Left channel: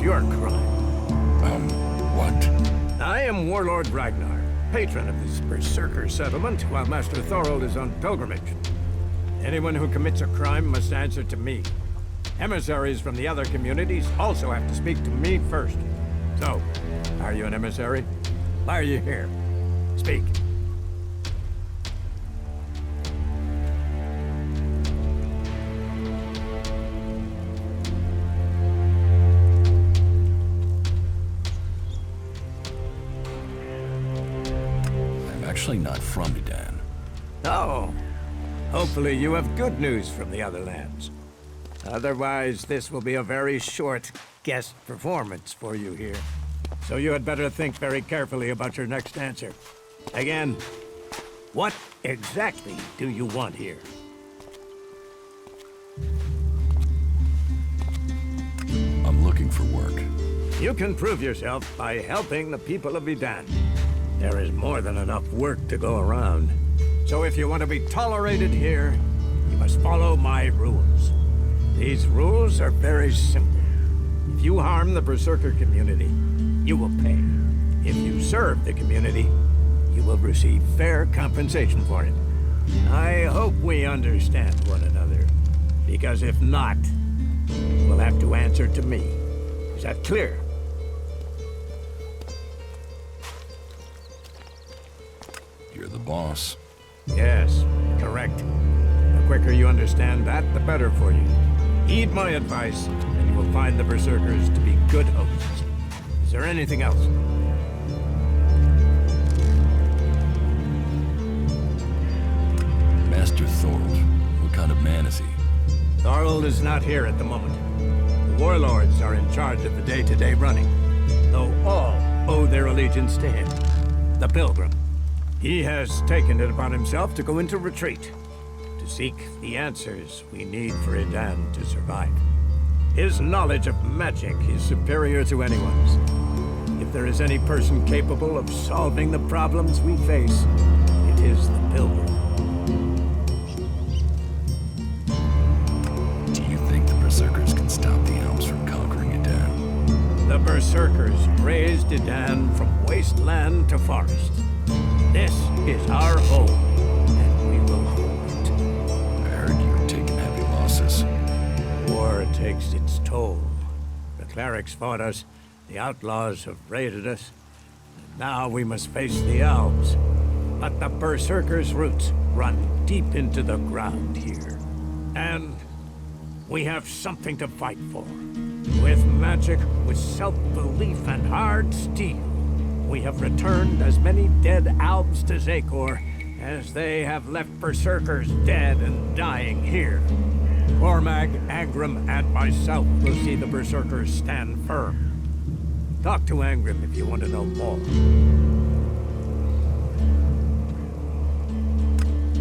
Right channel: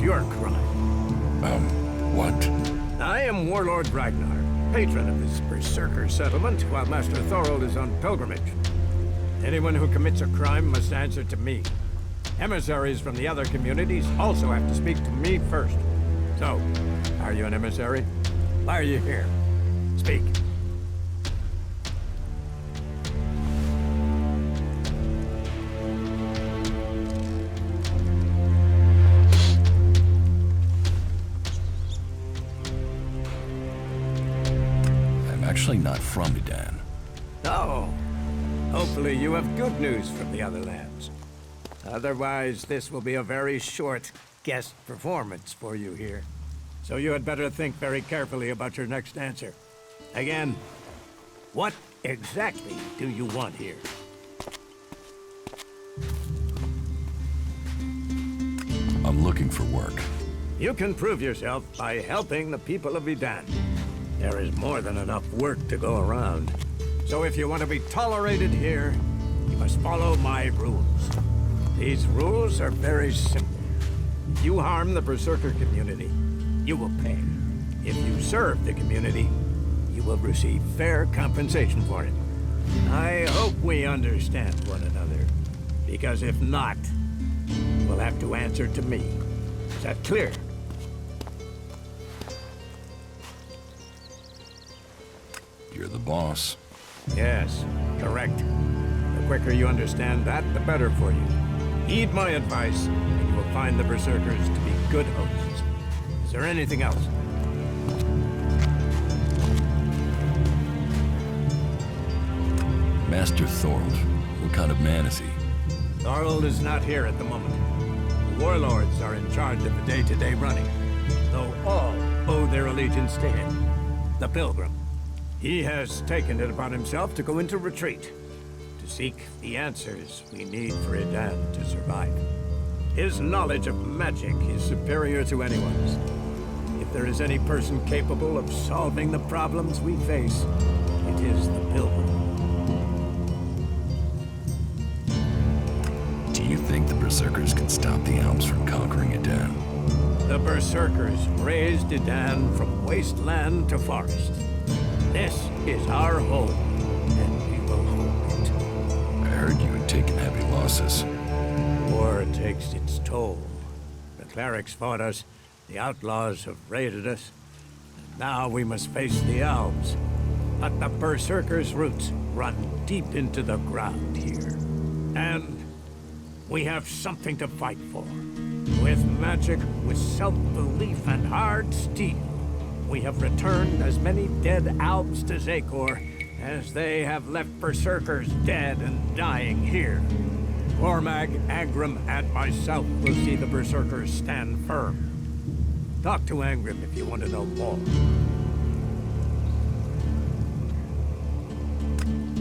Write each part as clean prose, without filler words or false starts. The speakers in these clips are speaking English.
What's your crime? What? I am Warlord Ragnar, patron of this berserker settlement, while Master Thorold is on pilgrimage. Anyone who commits a crime must answer to me. Emissaries from the other communities also have to speak to me first. So, are you an emissary? Why are you here? Speak. I'm actually not from Edan. Oh. Hopefully you have good news from the other lands. Otherwise, this will be a very short guest performance for you here. So you had better think very carefully about your next answer. Again, what exactly do you want here? I'm looking for work. You can prove yourself by helping the people of Edan. There is more than enough work to go around. So if you want to be tolerated here, you must follow my rules. These rules are very simple. If you harm the Berserker community, you will pay. If you serve the community, you will receive fair compensation for it. I hope we understand one another, because if not, you will have to answer to me. Is that clear? You're the boss. Yes, correct. The quicker you understand that, the better for you. Heed my advice, and you will find the Berserkers to be good hosts. Is there anything else? Master Thorold. What kind of man is he? Thorold is not here at the moment. The warlords are in charge of the day-to-day running, though all owe their allegiance to him, the Pilgrim. He has taken it upon himself to go into retreat, to seek the answers we need for Edan to survive. His knowledge of magic is superior to anyone's. If there is any person capable of solving the problems we face, it is the Pilgrim. Do you think the Berserkers can stop the elves from conquering Edan? The Berserkers raised Edan from wasteland to forest. This is our home, and we will hold it. I heard you had taken heavy losses. War takes its toll. The clerics fought us, the outlaws have raided us, and now we must face the elves. But the Berserkers' roots run deep into the ground here. And we have something to fight for. With magic, with self-belief and hard steel, we have returned as many dead elves to Zakor as they have left Berserkers dead and dying here. Cormag, Angrim, and myself will see the Berserkers stand firm. Talk to Angrim if you want to know more.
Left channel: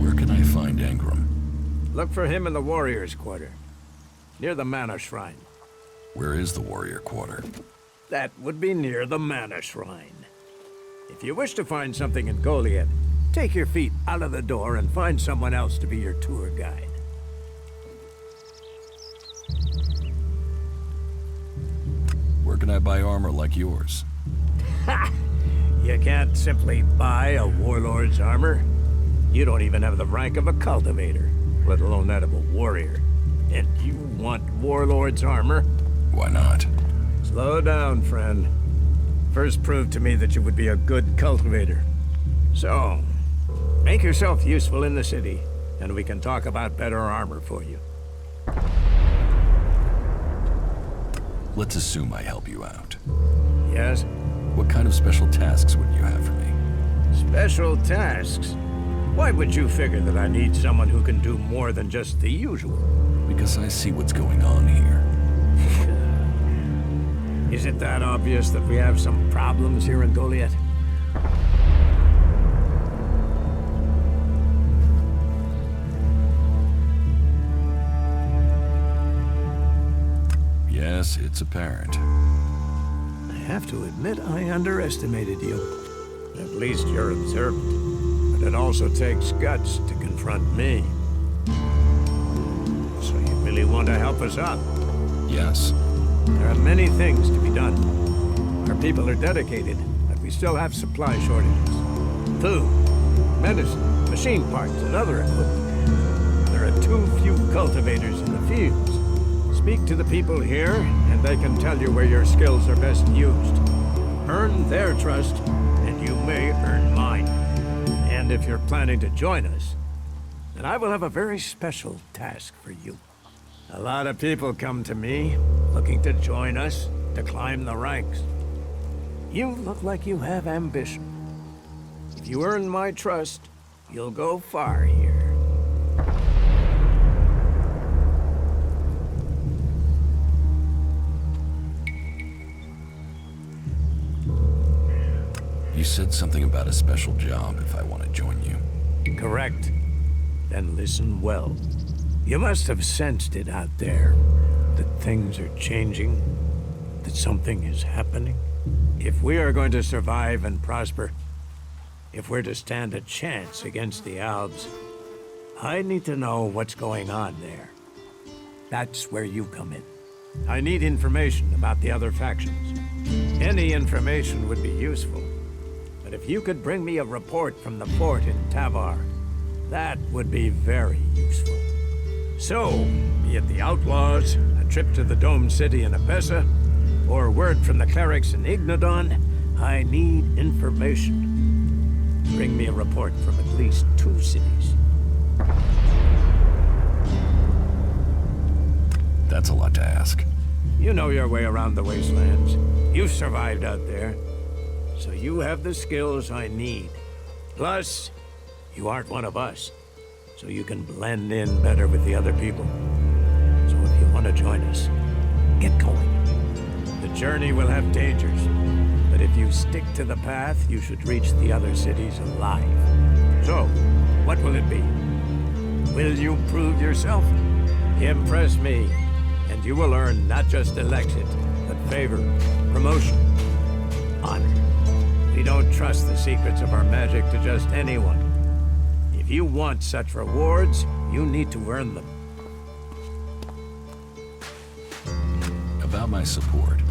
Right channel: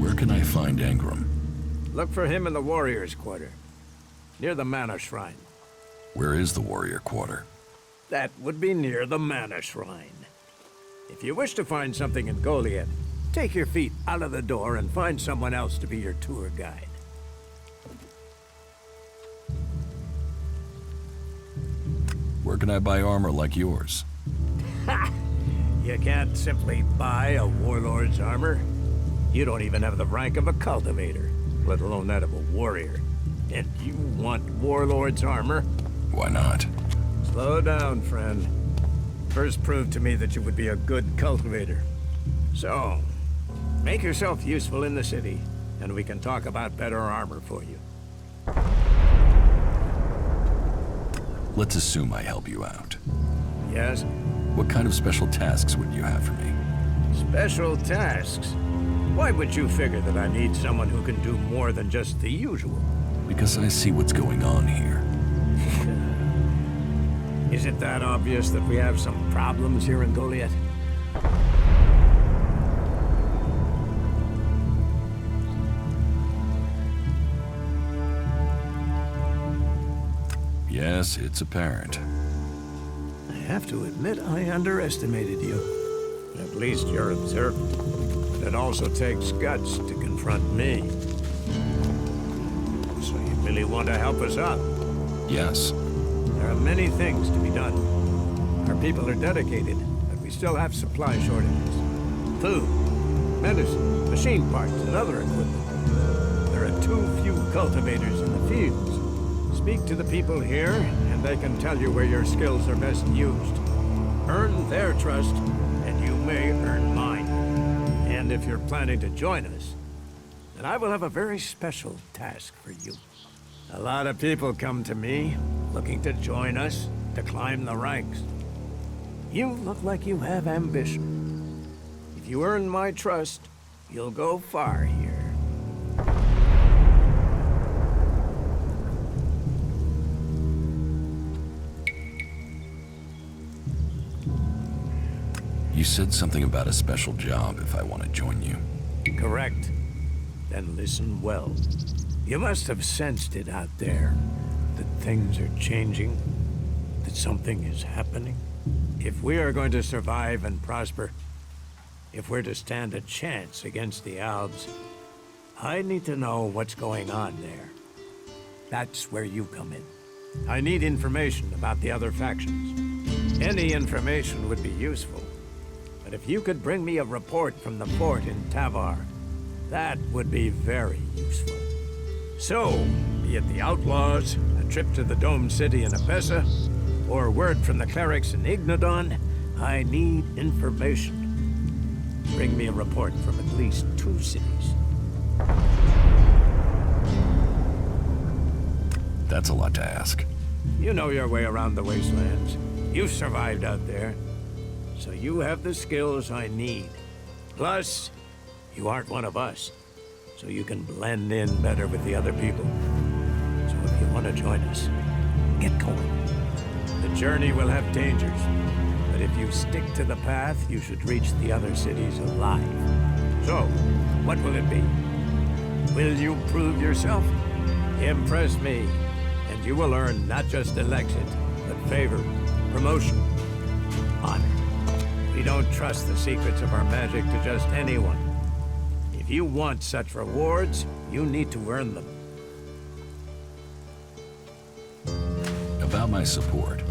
Where can I find Angrim? Look for him in the Warriors' Quarter, near the Mana Shrine. Where is the Warrior Quarter? That would be near the Mana Shrine. If you wish to find something in Goliath, take your feet out of the door and find someone else to be your tour guide. Where can I buy armor like yours? Ha! You can't simply buy a warlord's armor. You don't even have the rank of a cultivator, let alone that of a warrior. And you want warlord's armor? Why not? Slow down, friend. First prove to me that you would be a good cultivator. So, make yourself useful in the city, and we can talk about better armor for you. Let's assume I help you out. Yes? What kind of special tasks would you have for me? Special tasks? Why would you figure that I need someone who can do more than just the usual? Because I see what's going on here. Is it that obvious that we have some problems here in Goliath? Yes, it's apparent. I have to admit I underestimated you. At least you're observant. But it also takes guts to confront me. So you really want to help us out? Yes. There are many things to be done. Our people are dedicated, but we still have supply shortages. Food, medicine, machine parts, and other equipment. There are too few cultivators in the fields. Speak to the people here, and they can tell you where your skills are best used. Earn their trust, and you may earn mine. And if you're planning to join us, then I will have a very special task for you. A lot of people come to me, looking to join us, to climb the ranks. You look like you have ambition. If you earn my trust, you'll go far here. You said something about a special job if I want to join you. Correct. Then listen well. You must have sensed it out there, that things are changing, that something is happening. If we are going to survive and prosper, if we're to stand a chance against the Albs, I need to know what's going on there. That's where you come in. I need information about the other factions. Any information would be useful, but if you could bring me a report from the fort in Tavar, that would be very useful. So, be it the outlaws, a trip to the Dome City in Abessa, or word from the clerics in Ignodon, I need information. Bring me a report from at least 2 cities. That's a lot to ask. You know your way around the wastelands. You've survived out there. So you have the skills I need. Plus, you aren't one of us, so you can blend in better with the other people. So if you want to join us, get going. The journey will have dangers, but if you stick to the path, you should reach the other cities alive. So, what will it be? Will you prove yourself? Impress me, and you will earn not just election, but favor, promotion, honor. We don't trust the secrets of our magic to just anyone. If you want such rewards, you need to earn them. About my support.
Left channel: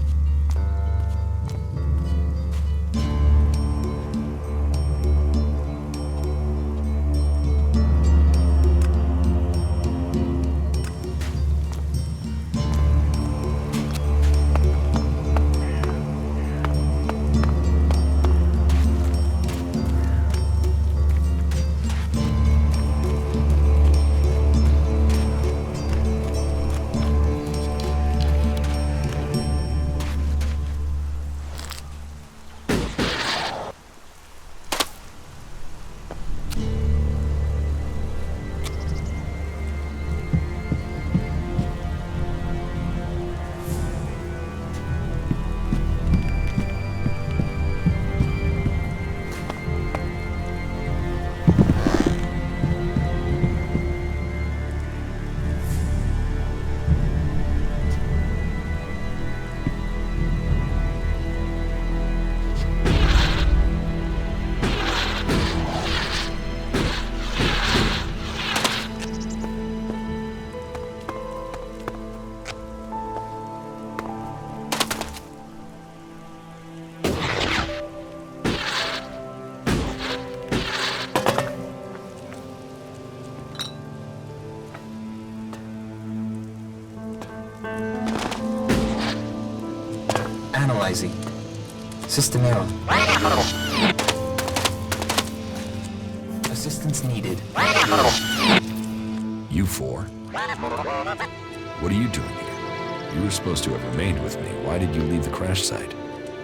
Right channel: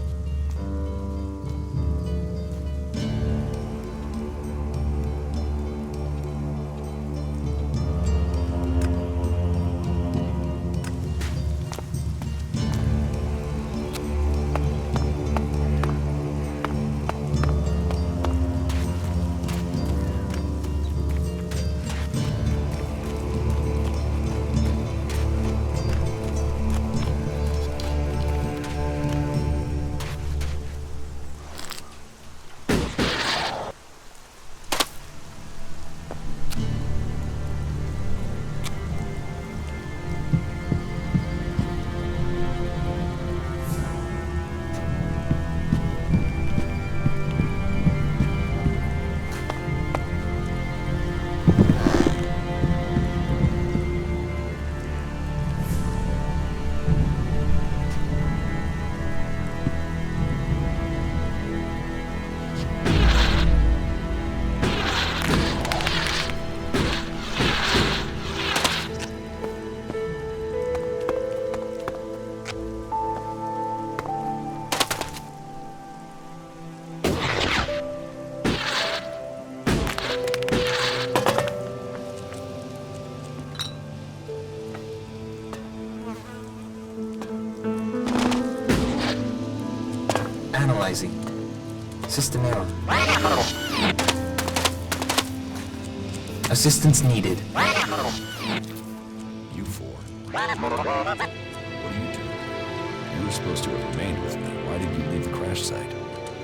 Analyzing. System error. Assistance needed. You four? What are you doing here? You were supposed to have remained with me. Why did you leave the crash site?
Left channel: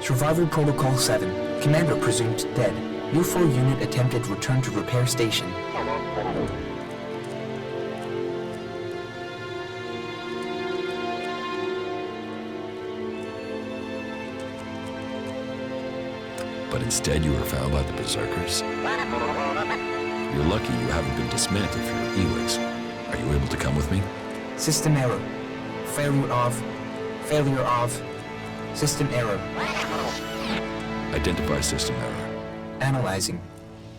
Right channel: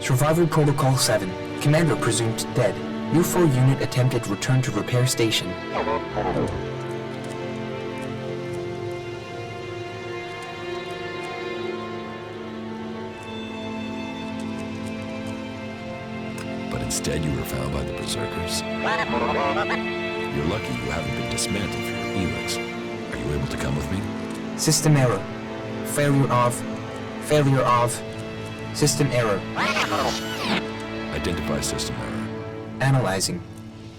Survivor Protocol 7. Commander presumed dead. U4 unit attempted return to repair station. But instead you were found by the Berserkers? You're lucky you haven't been dismantled for your ELEX. Are you able to come with me? System error. Failure of. System error. Identify system error. Analyzing.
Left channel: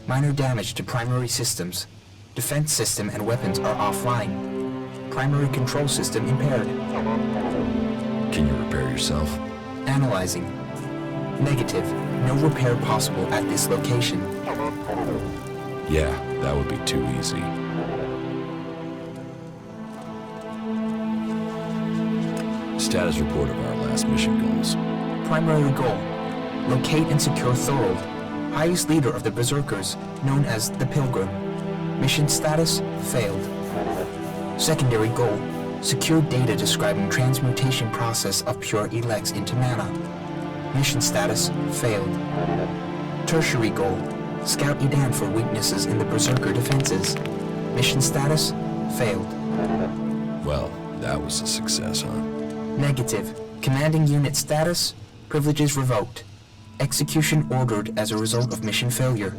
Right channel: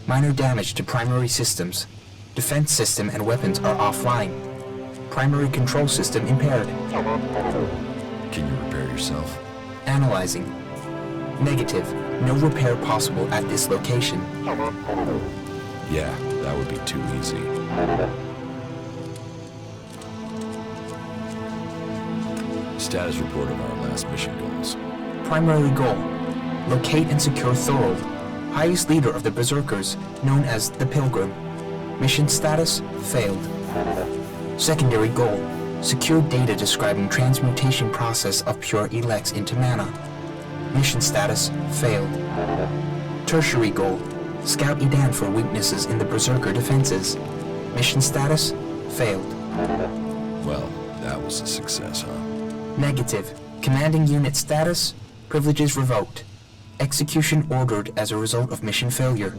Minor damage to primary systems. Defense system and weapons are offline. Primary control system impaired. Can you repair yourself? Analyzing. Negative. No repair possible at this location. Yeah, that would be too easy. Status report of our last mission goals. Primary goal. Locate and secure Thorold, highest leader of the Berserkers, known as the Pilgrim. Mission status, failed. Secondary goal. Secure data describing transmutation process of pure ELEX into mana. Mission status, failed. Tertiary goal. Scout Edan for weaknesses in the Berserker defenses. Mission status, failed. Well, that was a success, huh? Negative. Commanding unit status, privileges revoked. Execution ordered as a result of mission failure.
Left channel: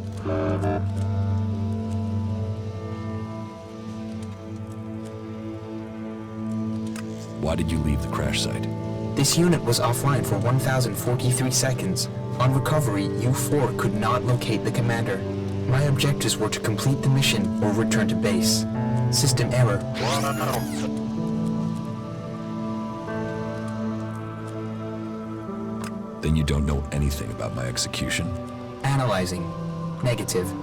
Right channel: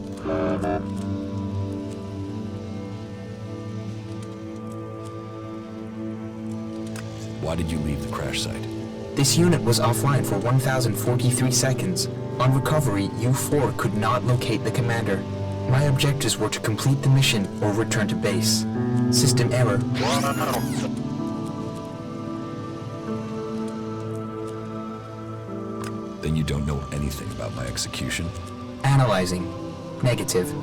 Why did you leave the crash site? This unit was offline for 1,043 seconds. On recovery, U-4 could not locate the commander. My objectives were to complete the mission or return to base. System error. Then you don't know anything about my execution? Analyzing. Negative.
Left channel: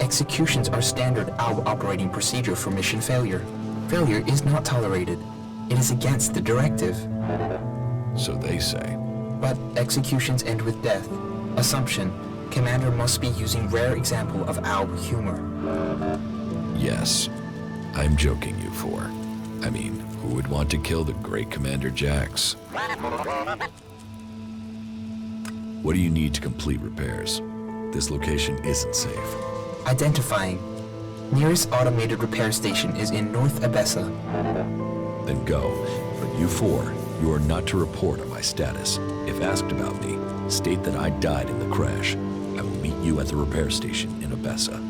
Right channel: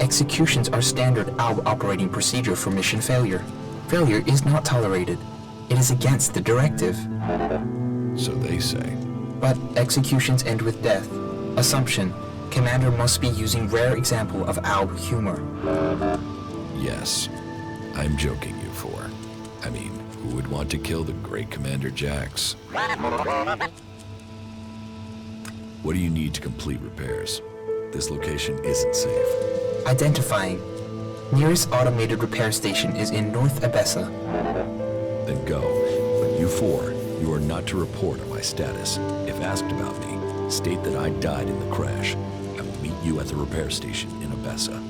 Executions are standard ALB operating procedure for mission failure. Failure is not tolerated. It is against the directive. So they say. But executions end with death. Assumption. Commander must be using rare example of ALB humor. Yes. I'm joking, you four. I mean, who would want to kill the great Commander Jax? What do you need to complete repairs? This location isn't safe. Identifying. Nearest automated repair station is in North Abessa. Then go. But you four, you are not to report on my status. If asked about me, state that I died in the crash. I will meet you at the repair station in Abessa.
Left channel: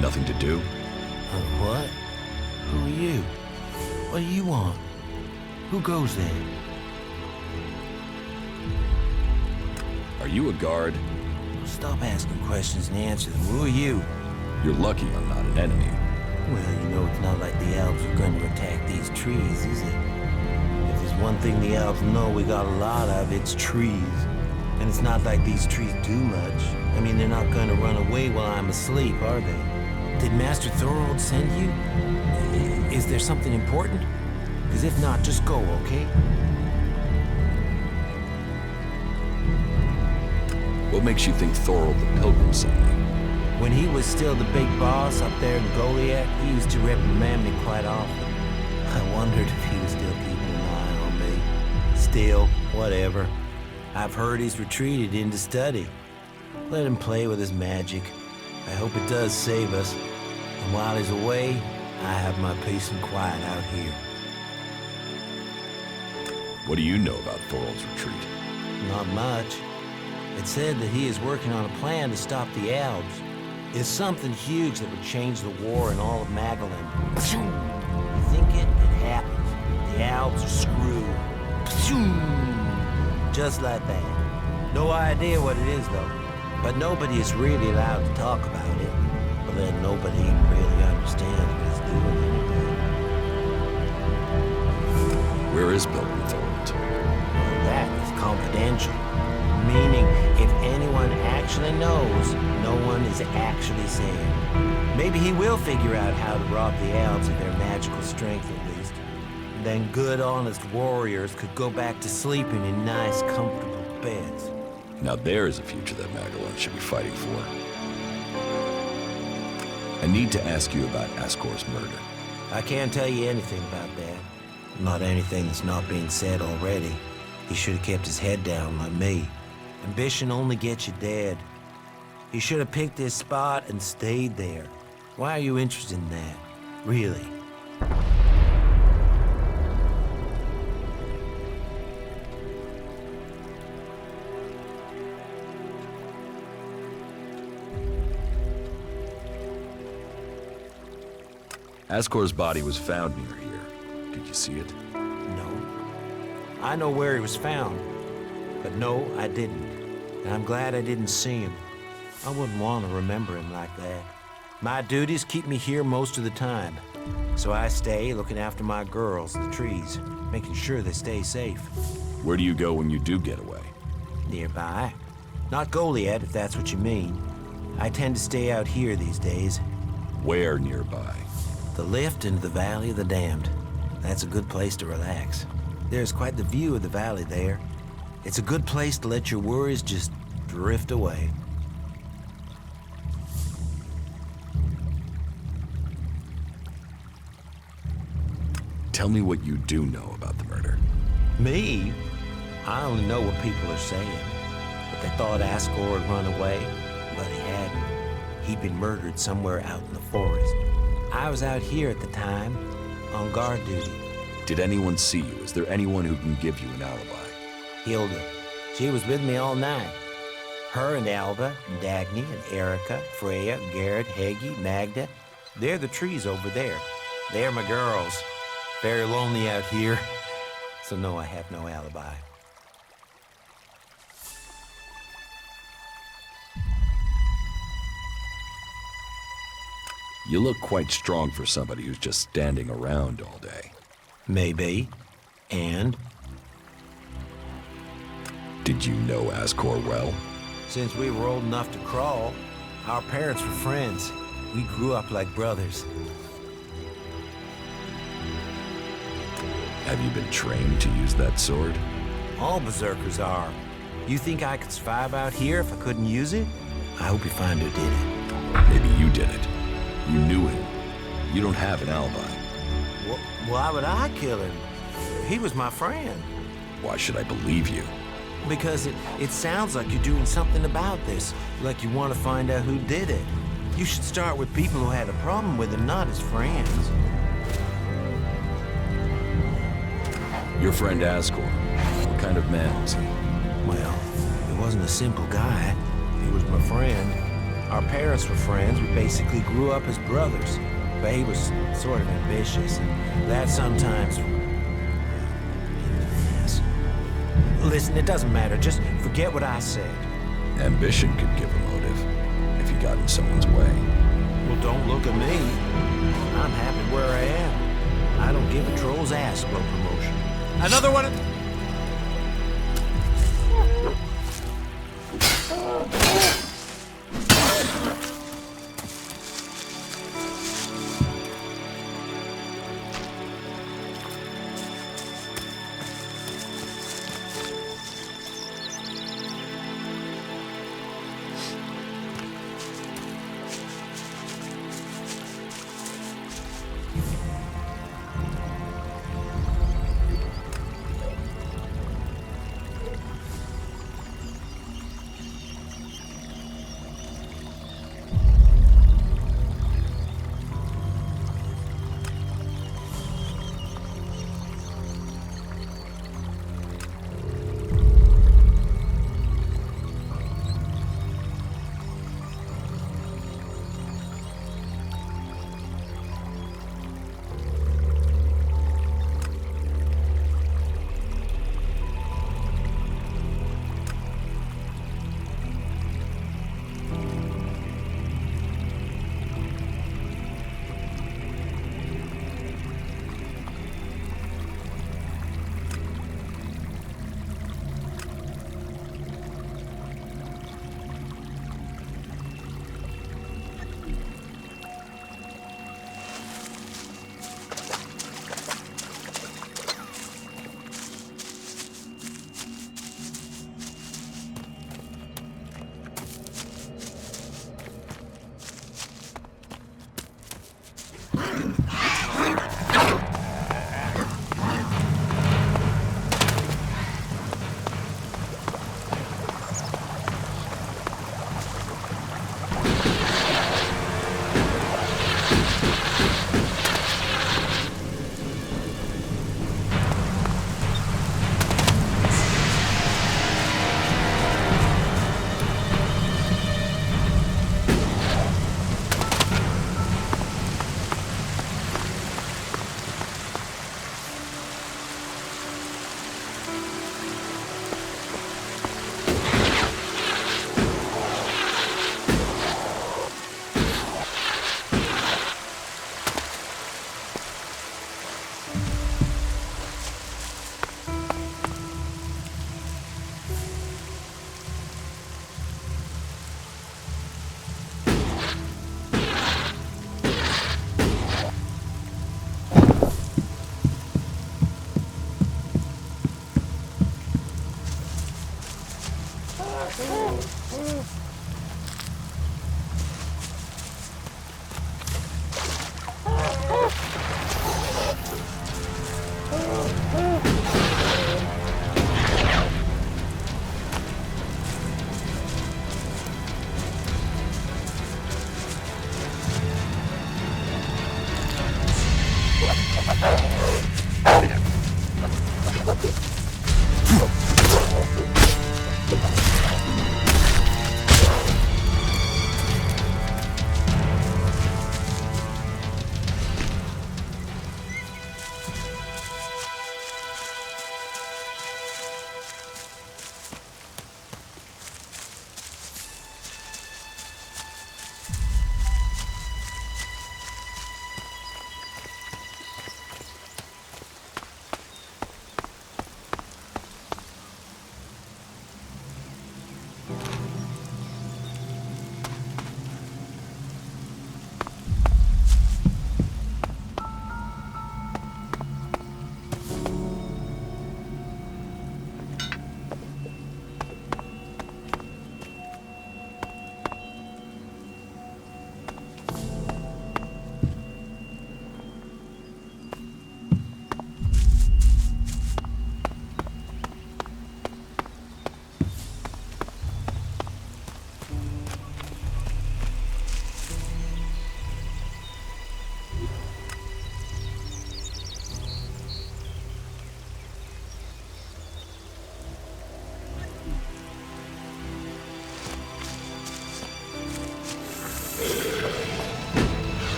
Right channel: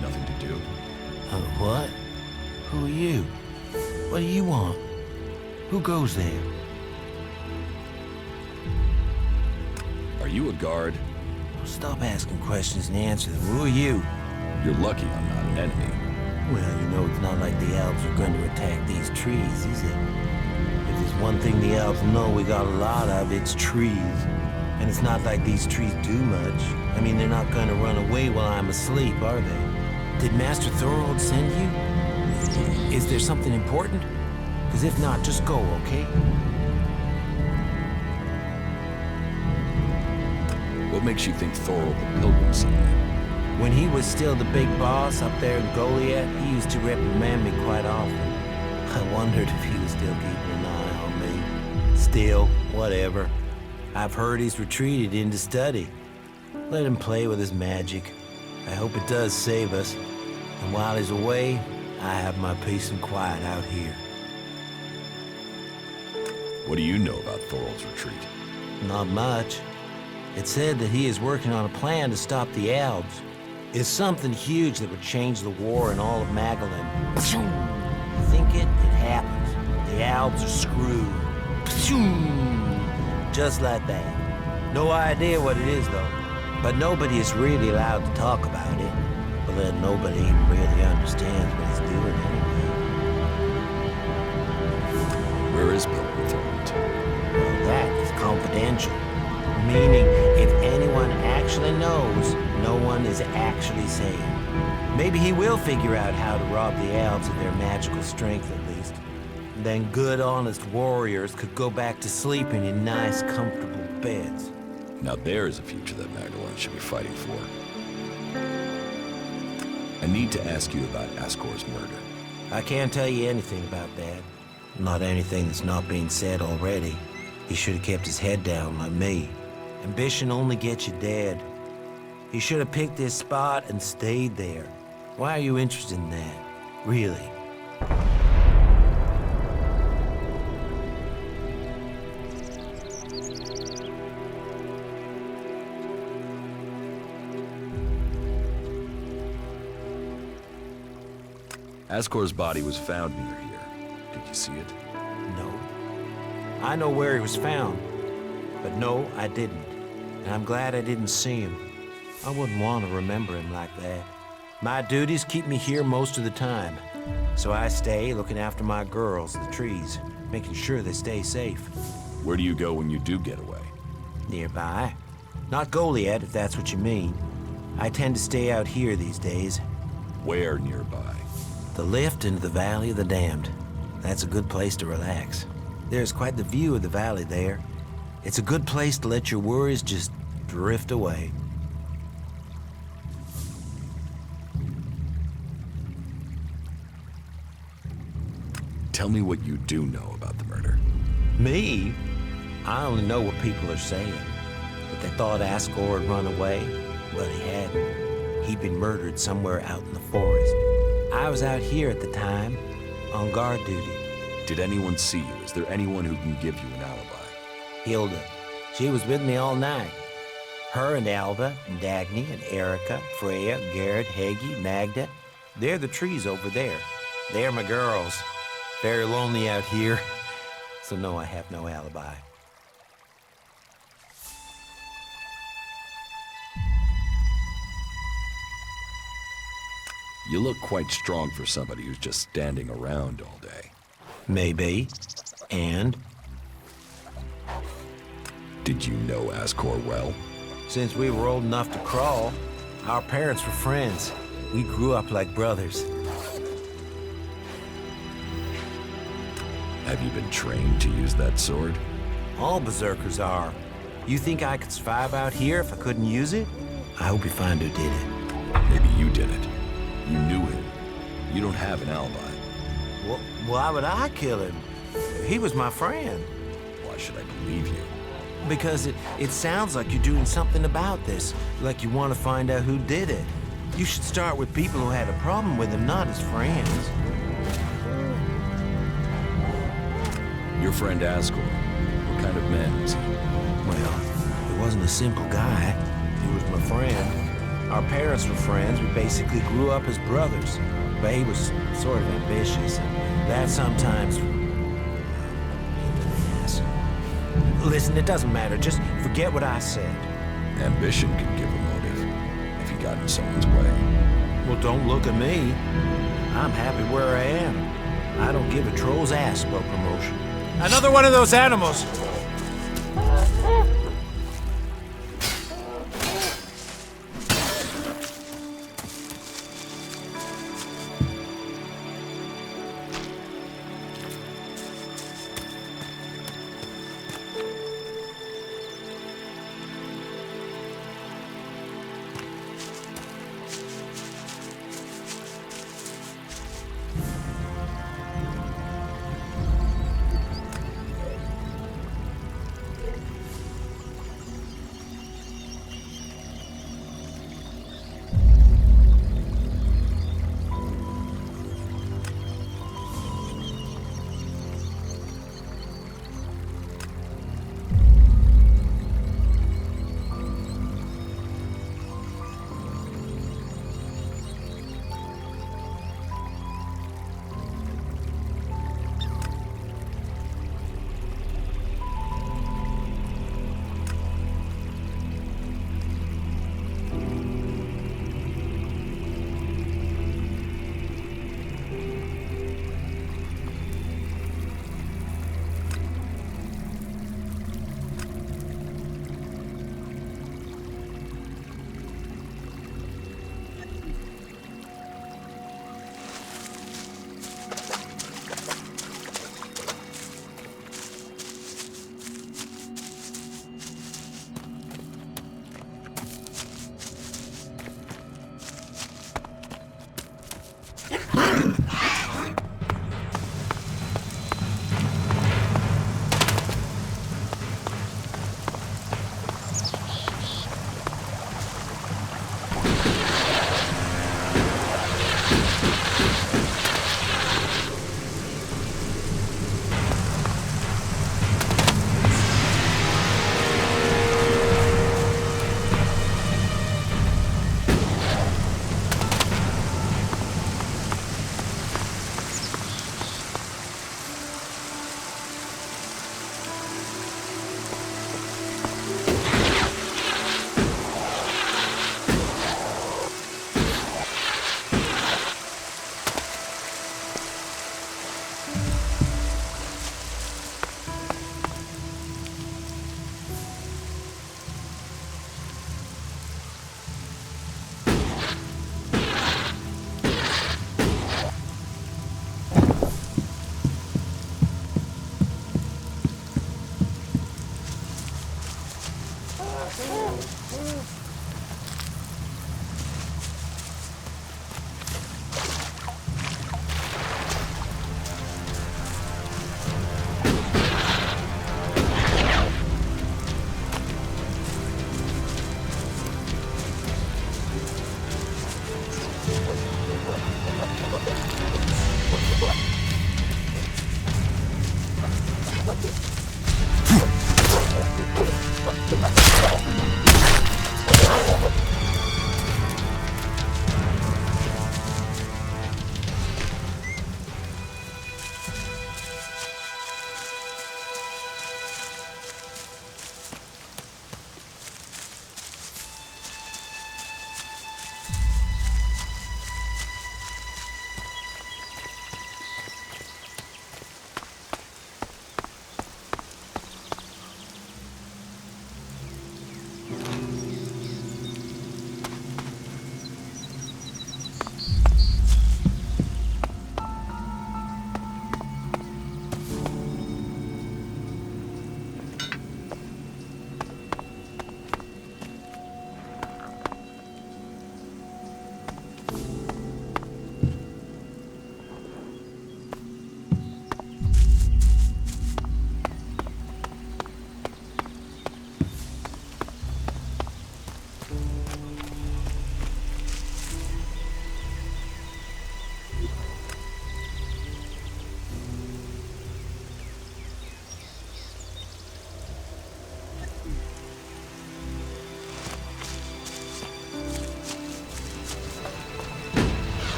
Nothing to do? What? Who are you? What do you want? Who goes there? Are you a guard? Stop asking questions and answer them. Who are you? You're lucky I'm not an enemy. Well, you know it's not like the elves are going to attack these trees, is it? If there's one thing the elves know we got a lot of, it's trees. And it's not like these trees do much. I mean, they're not going to run away while I'm asleep, are they? Did Master Thorold send you? Is there something important? Because if not, just go, okay? What makes you think Thorold the Pilgrim sent me? When he was still the big boss up there in Goliath, he used to reprimand me quite often. I wondered if he was still keeping an eye on me. Still, whatever. I've heard he's retreated into study. Let him play with his magic. I hope it does save us. And while he's away, I have my peace and quiet out here. What do you know about Thorold's retreat? Not much. It said that he is working on a plan to stop the elves. It's something huge that would change the war in all of Magalan. You think it? It happens. The elves are screwed. Just like that. No idea what it is, though. But nobody is really allowed to talk about it. Well, then nobody even really understands what he's doing anyway. Where is Pilgrim Thorold? Well, that is confidential. Meaning, if anyone actually knows, no one is actually saying. Maybe he will figure out how to rob the elves of their magical strength, at least. Then good, honest warriors could go back to sleeping in nice, comfortable beds. Now there's a future that Magalan should be fighting for. I need to ask you about Ascor's murder. I can't tell you anything about that. Not anything that's not being said already. He should have kept his head down like me. Ambition only gets you dead. He should have picked his spot and stayed there. Why are you interested in that? Really? Ascor's body was found near here. Did you see it? No. I know where he was found. But no, I didn't. And I'm glad I didn't see him. I wouldn't want to remember him like that. My duties keep me here most of the time. So I stay looking after my girls, the trees, making sure they stay safe. Where do you go when you do get away? Nearby. Not Goliath, if that's what you mean. I tend to stay out here these days. Where nearby? The lift into the Valley of the Damned. That's a good place to relax. There's quite the view of the valley there. It's a good place to let your worries just drift away. Tell me what you do know about the murder. Me? I only know what people are saying. But they thought Ascor had run away, but he hadn't. He'd been murdered somewhere out in the forest. I was out here at the time, on guard duty. Did anyone see you? Is there anyone who can give you an alibi? Hilda. She was with me all night. Her and Alva, and Dagny, and Erica, Freya, Garrett, Heggie, Magda. They're the trees over there. They're my girls. Very lonely out here. So no, I have no alibi. You look quite strong for somebody who's just standing around all day. Maybe. And? Did you know Ascor well? Since we were old enough to crawl, our parents were friends. We grew up like brothers. Have you been trained to use that sword? All berserkers are. You think I could survive out here if I couldn't use it? I hope you find who did it. Maybe you did it. You knew him. You don't have an alibi. Why would I kill him? He was my friend. Why should I believe you? Because it sounds like you're doing something about this, like you want to find out who did it. You should start with people who had a problem with him, not his friends. Your friend Asgore, what kind of man was he? Well, he wasn't a simple guy. He was my friend. Our parents were friends. We basically grew up as brothers. But he was sort of ambitious, and that sometimes... well, made an ass. Listen, it doesn't matter. Just forget what I said. Ambition could give a motive, if he got in someone's way. Well, don't look at me. I'm happy where I am. I don't give a troll's ass about promotion. Another one of those animals!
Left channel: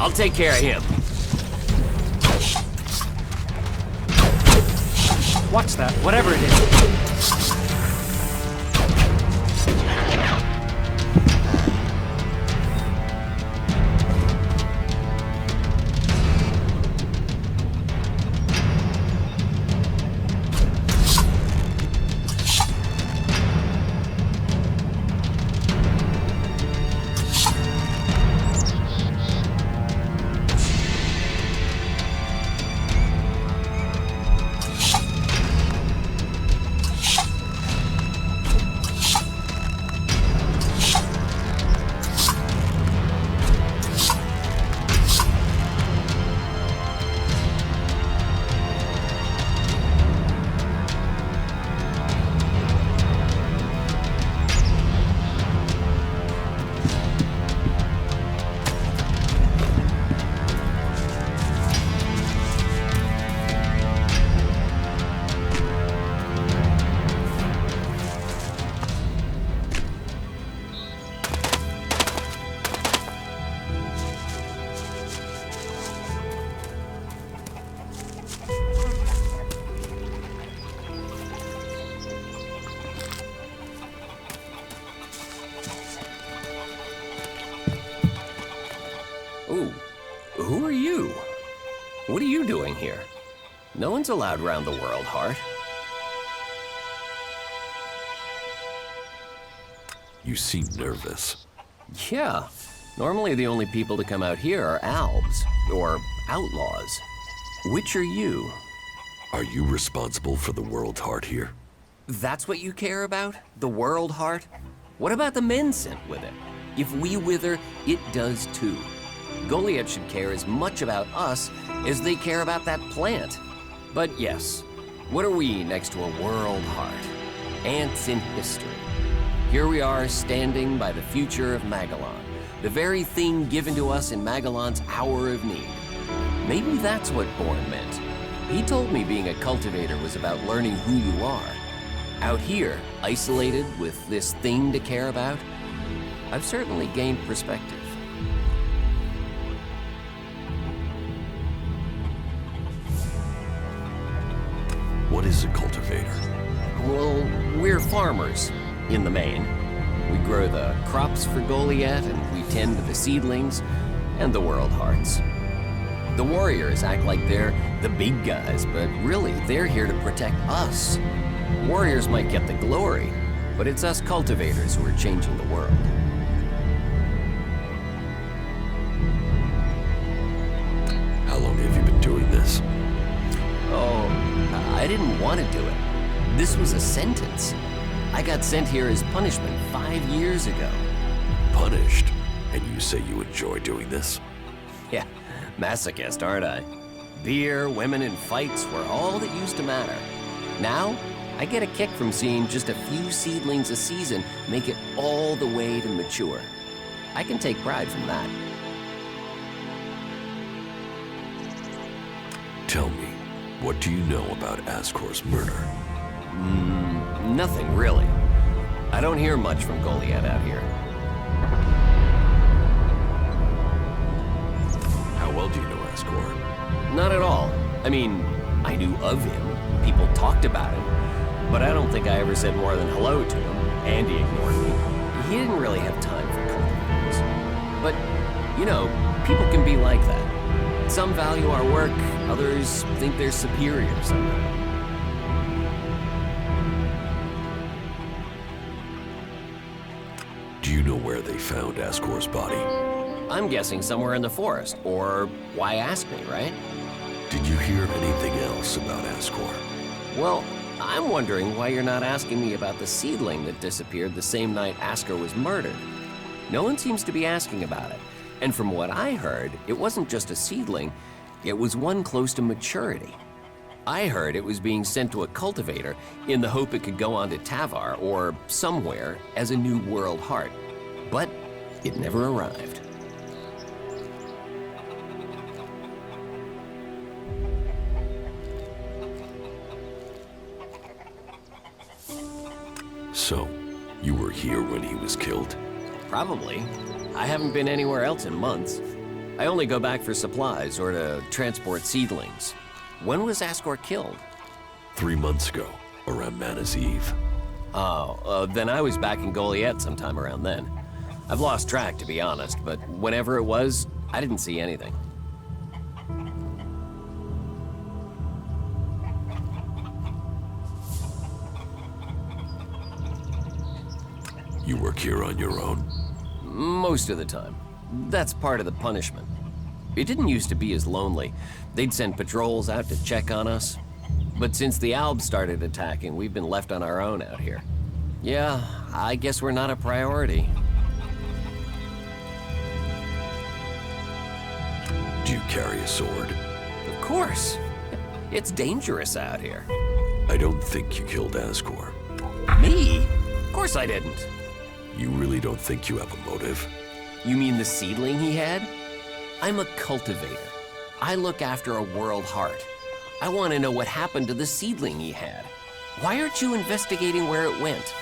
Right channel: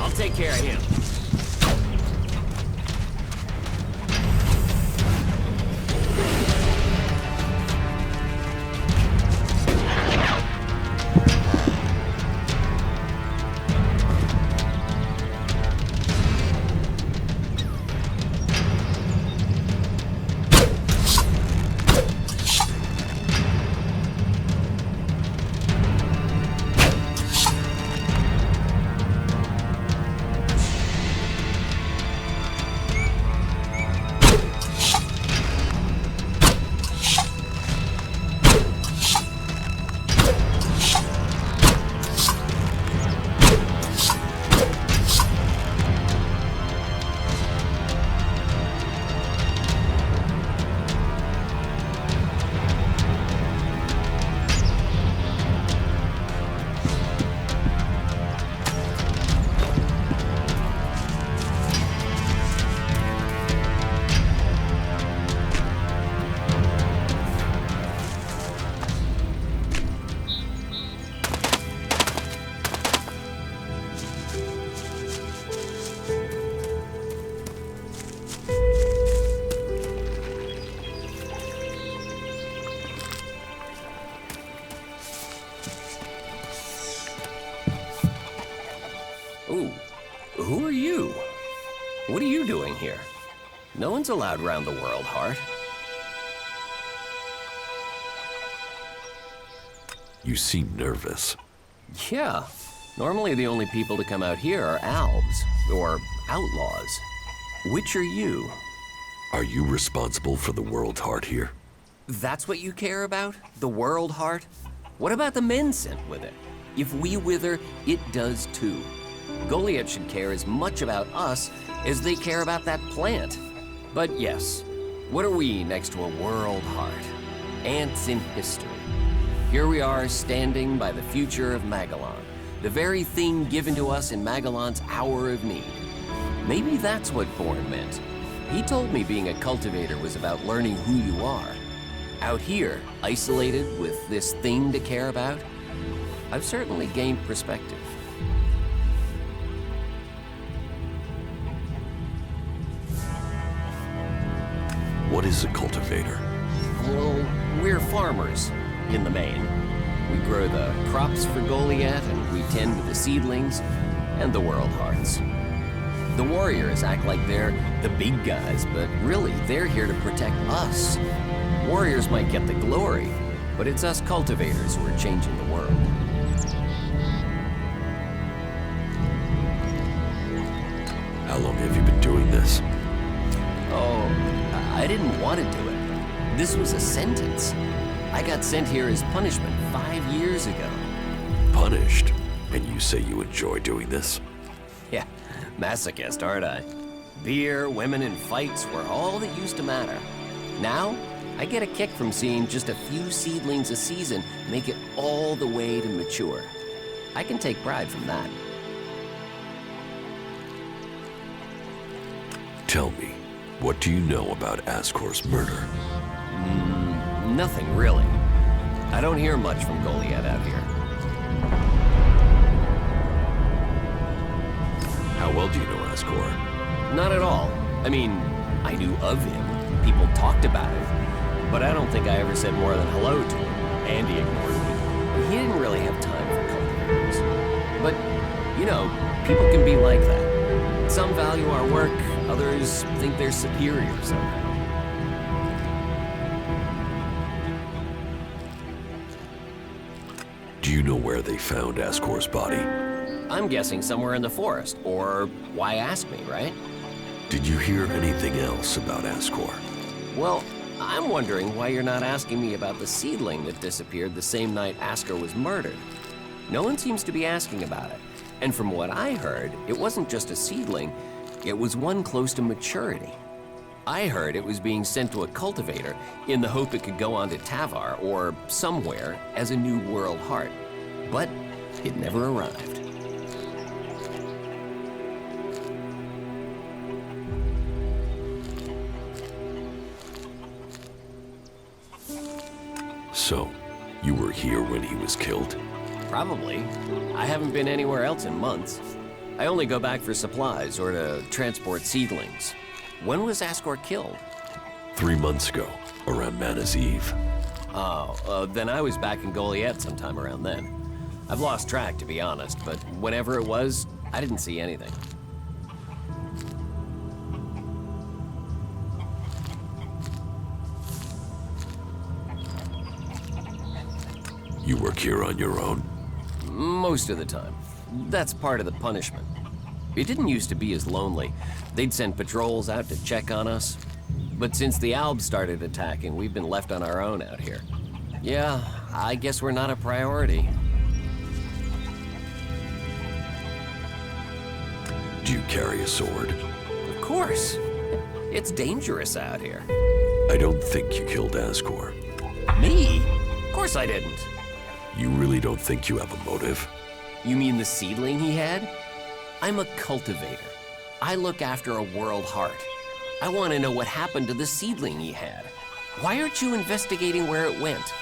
I'll take care of him. Watch that, whatever it is. Ooh, who are you? What are you doing here? No one's allowed round the world, Hart. You seem nervous. Yeah, normally the only people to come out here are albs, or outlaws. Which are you? Are you responsible for the world, Hart, here? That's what you care about? The world, Hart? What about the men sent with it? If we wither, it does too. Goliath should care as much about us as they care about that plant. But yes, what are we next to a world, Hart? Ants in history. Here we are standing by the future of Magellan, the very thing given to us in Magellan's hour of need. Maybe that's what Bourne meant. He told me being a cultivator was about learning who you are. Out here, isolated with this thing to care about, I've certainly gained perspective. What is a cultivator? Well, we're farmers, in the main. We grow the crops for Goliath, and we tend to the seedlings and the world hearts. The warriors act like they're the big guys, but really, they're here to protect us. Warriors might get the glory, but it's us cultivators who are changing the world. How long have you been doing this? Oh, I didn't want to do it. This was a sentence. I got sent here as punishment 5 years ago. Punished? And you say you enjoy doing this? Yeah, masochist, aren't I? Beer, women, and fights were all that used to matter. Now, I get a kick from seeing just a few seedlings a season make it all the way to mature. I can take pride from that. Tell me, what do you know about Ascor's murder? Nothing really. I don't hear much from Goliath out here. How well do you know Ascor? Not at all. I mean, I knew of him. People talked about him. But I don't think I ever said more than hello to him, and he ignored me. He didn't really have time for cultivators. But, you know, people can be like that. Some value our work, others think they're superior somehow. Do you know where they found Ascor's body? I'm guessing somewhere in the forest, or why ask me, right? Did you hear anything else about Ascor? Well, I'm wondering why you're not asking me about the seedling that disappeared the same night Ascor was murdered. No one seems to be asking about it. And from what I heard, it wasn't just a seedling, it was one close to maturity. I heard it was being sent to a cultivator in the hope it could go on to Tavar or somewhere as a new world heart. But it never arrived. So, you were here when he was killed? Probably. I haven't been anywhere else in months. I only go back for supplies or to transport seedlings. When was Asgore killed? 3 months ago, around Mana's Eve. Oh, then I was back in Goliath sometime around then. I've lost track, to be honest, but whenever it was, I didn't see anything. You work here on your own? Most of the time. That's part of the punishment. It didn't used to be as lonely. They'd send patrols out to check on us. But since the Albs started attacking, we've been left on our own out here. Yeah, I guess we're not a priority. Do you carry a sword? Of course. It's dangerous out here. I don't think you killed Asgore. Me? Of course I didn't. You really don't think you have a motive? You mean the seedling he had? I'm a cultivator. I look after a world heart. I want to know what happened to the seedling he had. Why aren't you investigating where it went?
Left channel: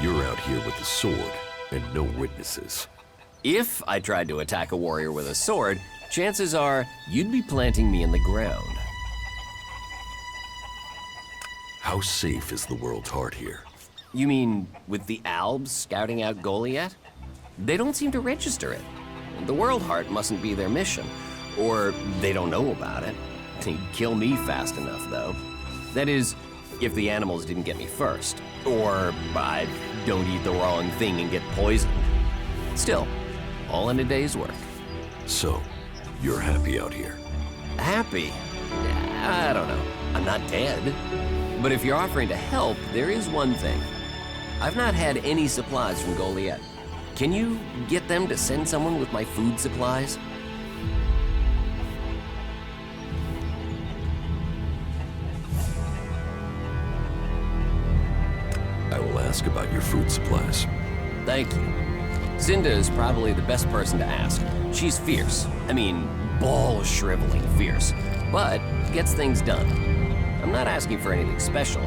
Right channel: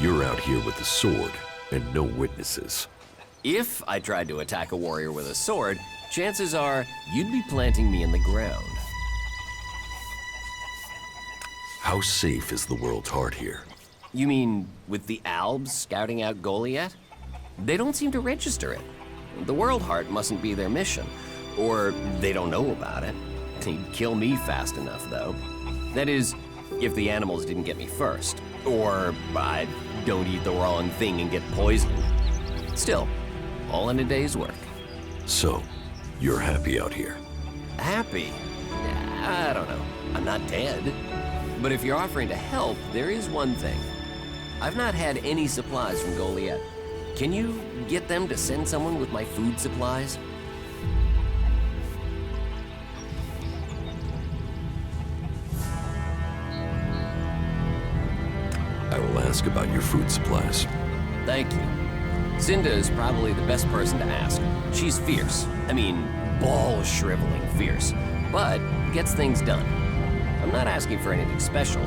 You're out here with a sword and no witnesses. If I tried to attack a warrior with a sword, chances are you'd be planting me in the ground. How safe is the world's heart here? You mean with the Albs scouting out Goliath? They don't seem to register it. The World Heart mustn't be their mission, or they don't know about it. They'd kill me fast enough, though. That is, if the animals didn't get me first, or I don't eat the wrong thing and get poisoned. Still, all in a day's work. So, you're happy out here? Happy? I don't know. I'm not dead. But if you're offering to help, there is one thing. I've not had any supplies from Goliath. Can you get them to send someone with my food supplies? I will ask about your food supplies. Thank you. Cinda is probably the best person to ask. She's fierce. I mean, ball-shriveling fierce. But gets things done. I'm not asking for anything special.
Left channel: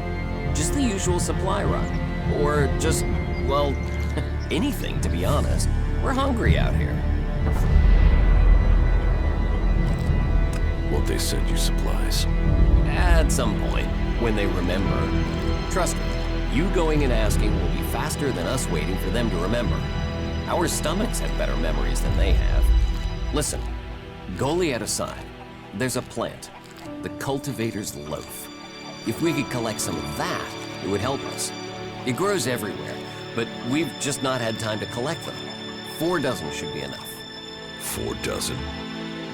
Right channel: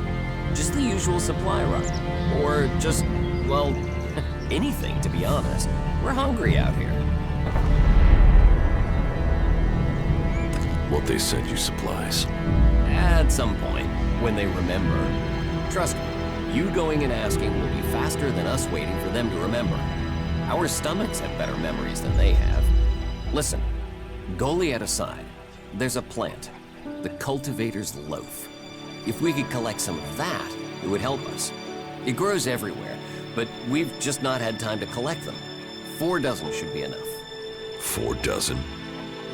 Just the usual supply run. Or just, well, anything, to be honest. We're hungry out here. Won't they send you supplies? At some point, when they remember. Trust me, you going and asking will be faster than us waiting for them to remember. Our stomachs have better memories than they have. Listen, Goliath aside, there's a plant, the cultivator's loaf. If we could collect some of that, it would help us. It grows everywhere, but we've just not had time to collect them. 4 dozen should be enough. 4 dozen?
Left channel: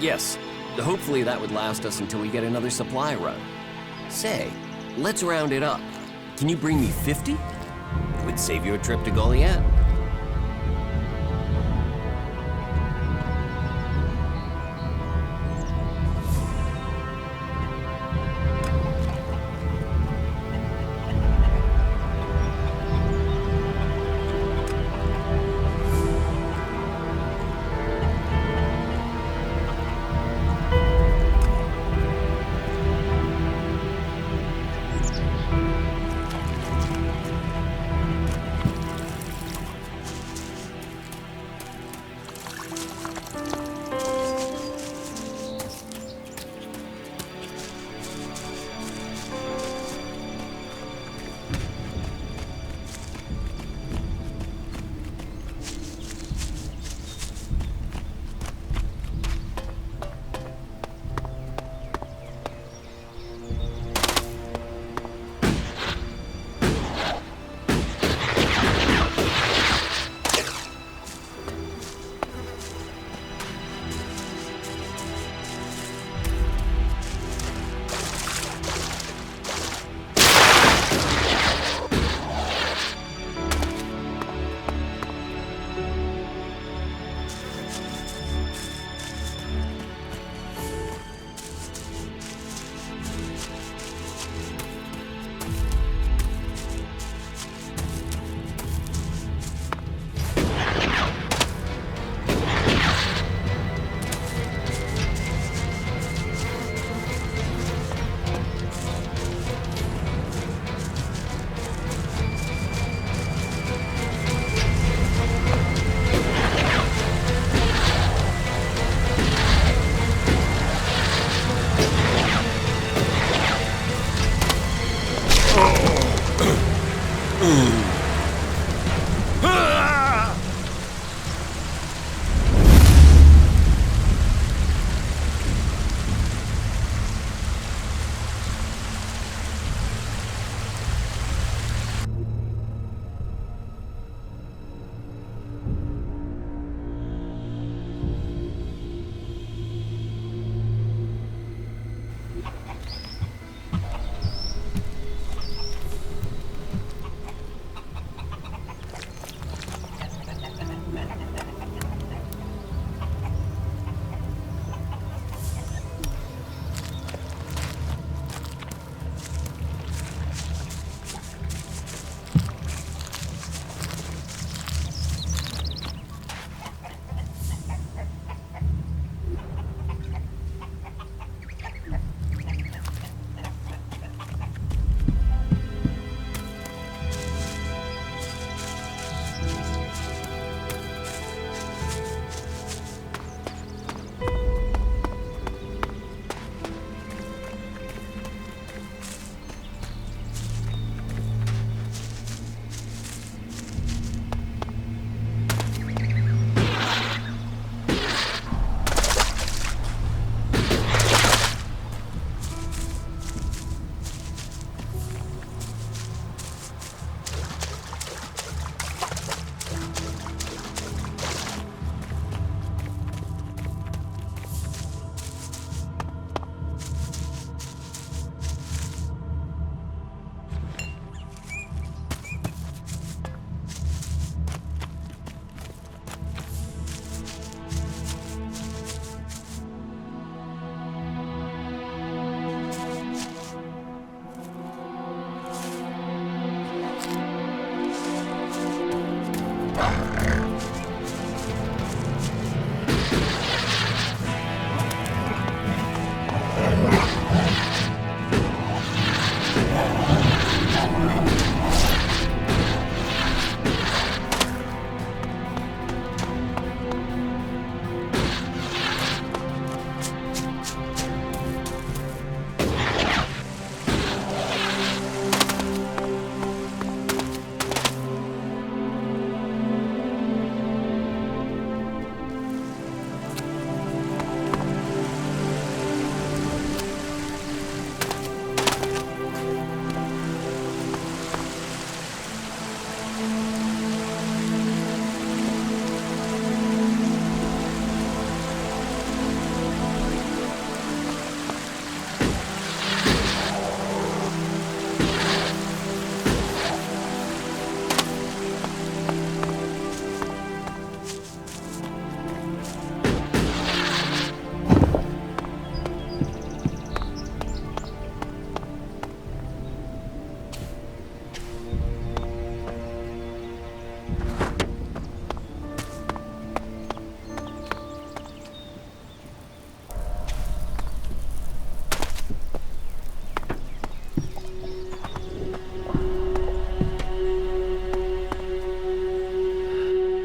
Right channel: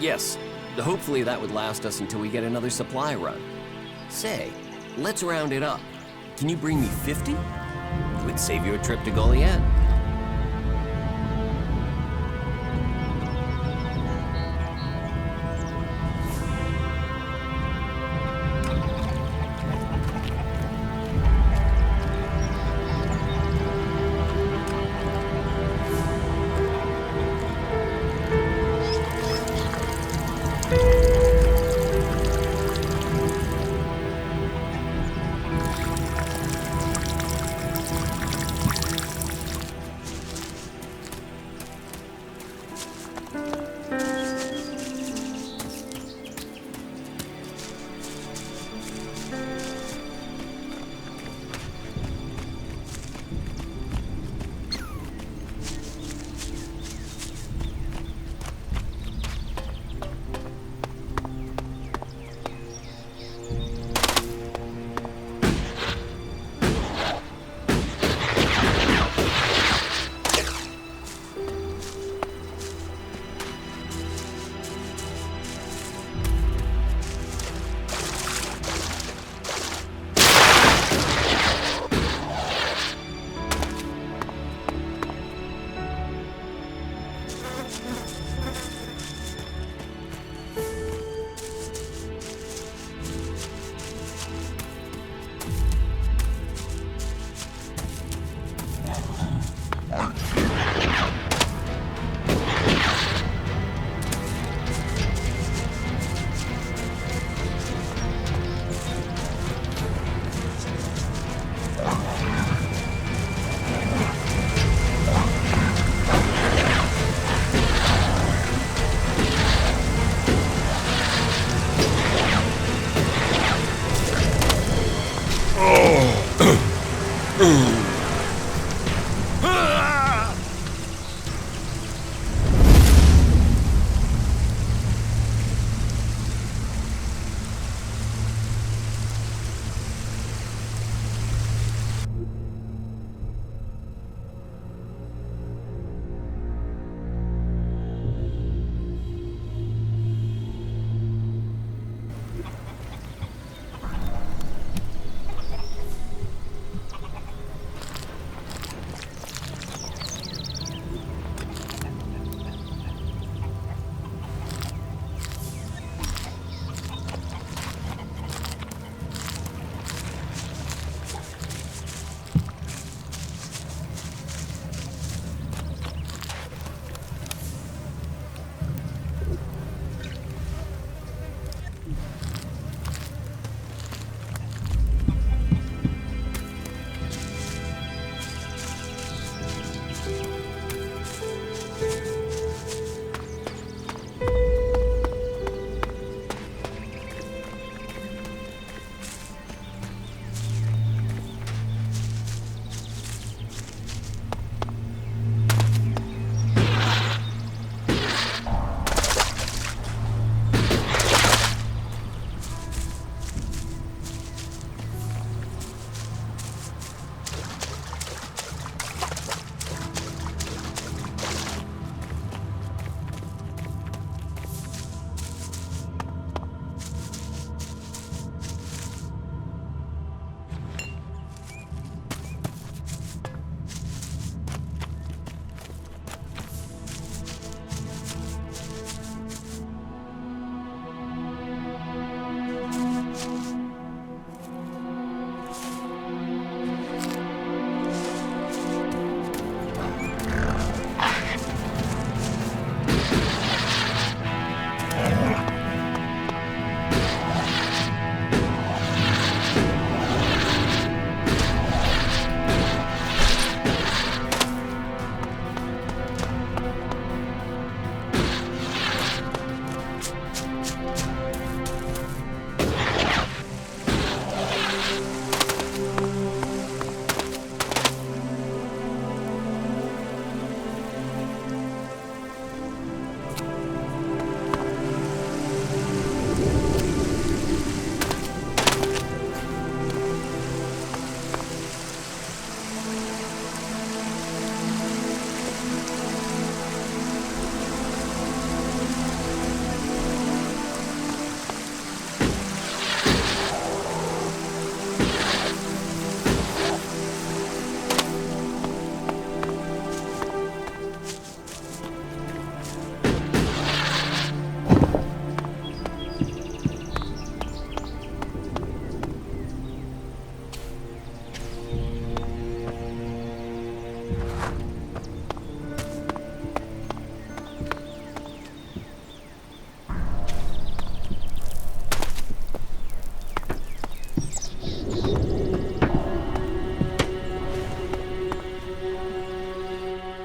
Yes, hopefully that would last us until we get another supply run. Say, let's round it up. Can you bring me 50? It would save you a trip to Goliath.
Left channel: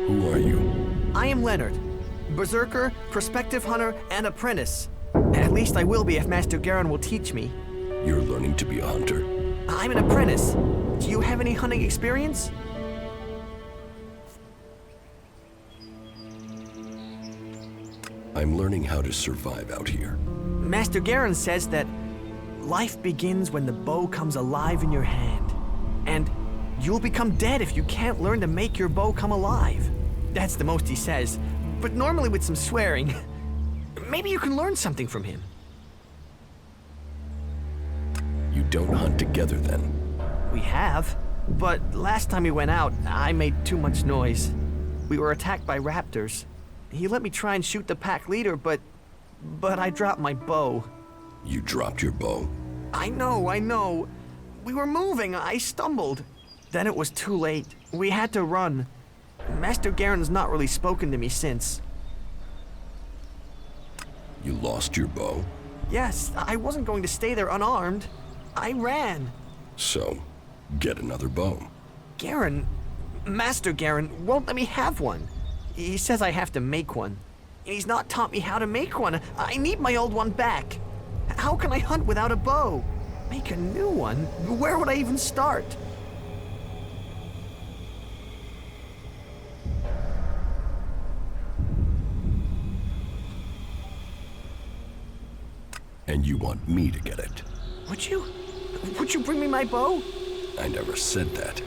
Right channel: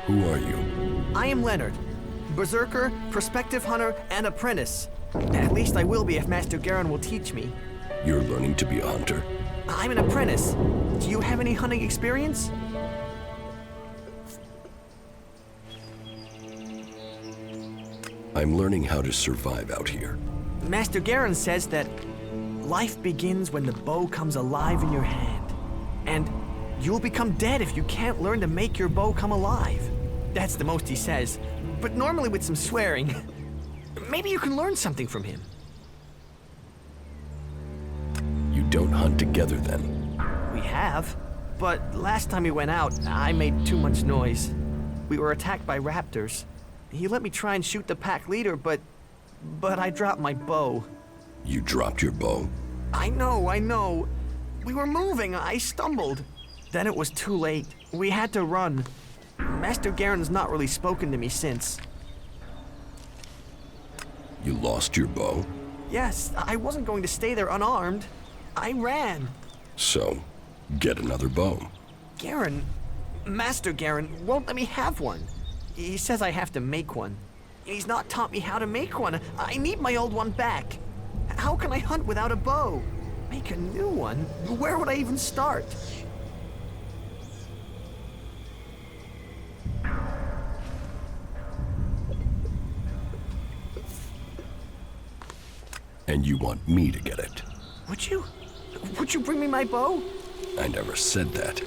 Who are you? I am Leonard. Berserker, prospective hunter, and apprentice. At least I will be if Master Garen will teach me. You're learning to be a hunter? I'm an apprentice. Do you have any hunting experience? I'm learning how to survive out here. Master Garen says that life begins when the bow comes alive in your hand. And you'll become dead if you can't learn to make your bow come alive. That's the most he says, but normally with some swearing. Maybe you can learn something from him. You don't hunt together then? We have, but last time we went out, I made too much noise. We were attacked by raptors. He let me try and shoot the pack leader, but I dropped my bow. You dropped your bow? I know. We were moving, I stumbled. Then it was too late. We had to run. Master Garen's not really spoken to me since. You lost your bow? Yes, I wasn't going to stay there unarmed. I ran. So, get another bow. Garen, Master Garen, won't let me have one. He says I have to make one. He's not taught me how to make one. I need my old one back. How can I hunt without a bow? Make a new one? Where would I even start? And you want me to get it? Would you? Would you bring me my bow? I never said that.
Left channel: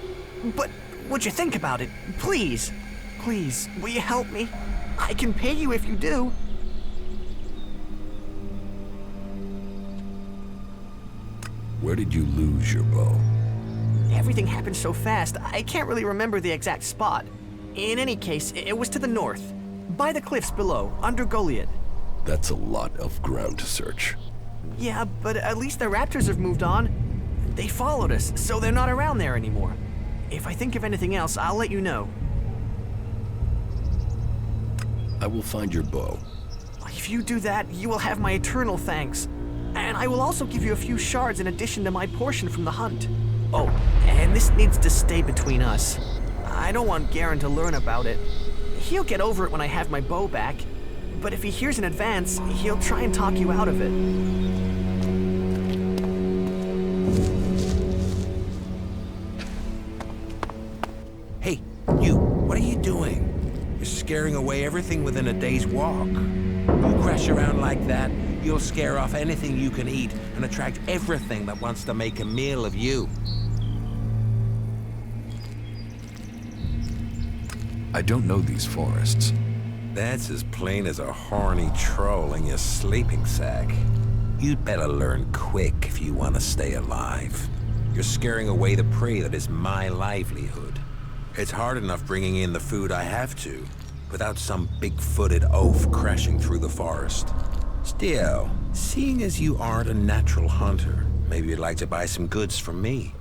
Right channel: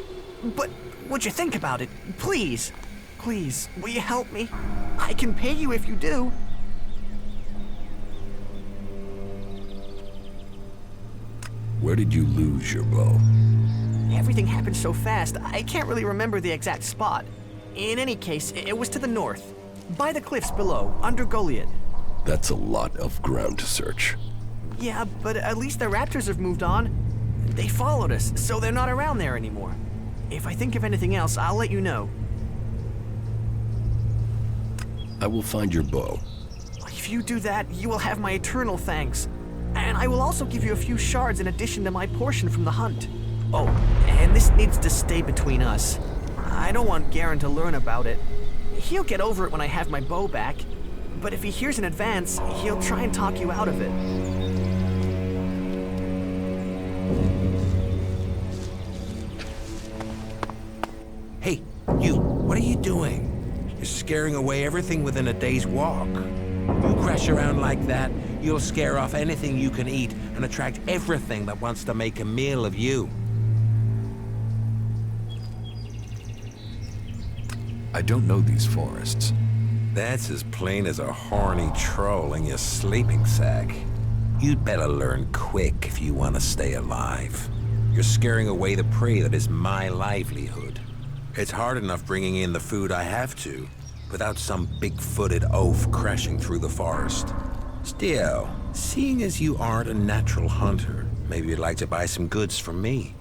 But would you think about it? Please. Please, will you help me? I can pay you if you do. Where did you lose your bow? Everything happened so fast, I can't really remember the exact spot. In any case, it was to the north, by the cliffs below, under Goliath. That's a lot of ground to search. Yeah, but at least the raptors have moved on. They followed us, so they're not around there anymore. If I think of anything else, I'll let you know. I will find your bow. If you do that, you will have my eternal thanks. And I will also give you a few shards in addition to my portion from the hunt. Oh, and this needs to stay between us. I don't want Garen to learn about it. He'll get over it when I have my bow back. But if he hears in advance, he'll try and talk you out of it. Hey, you, what are you doing? You're scaring away everything within a day's walk. You crash around like that, you'll scare off anything you can eat and attract everything that wants to make a meal of you. I don't know these forests. That's as plain as a horny troll in your sleeping sack. You'd better learn quick if you want to stay alive. You're scaring away the prey that is my livelihood. It's hard enough bringing in the food I have to, without some big-footed oaf crashing through the forest. Still, seeing as you aren't a natural hunter, maybe you'd like to buy some goods from me.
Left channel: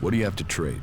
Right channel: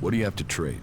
What do you have to trade?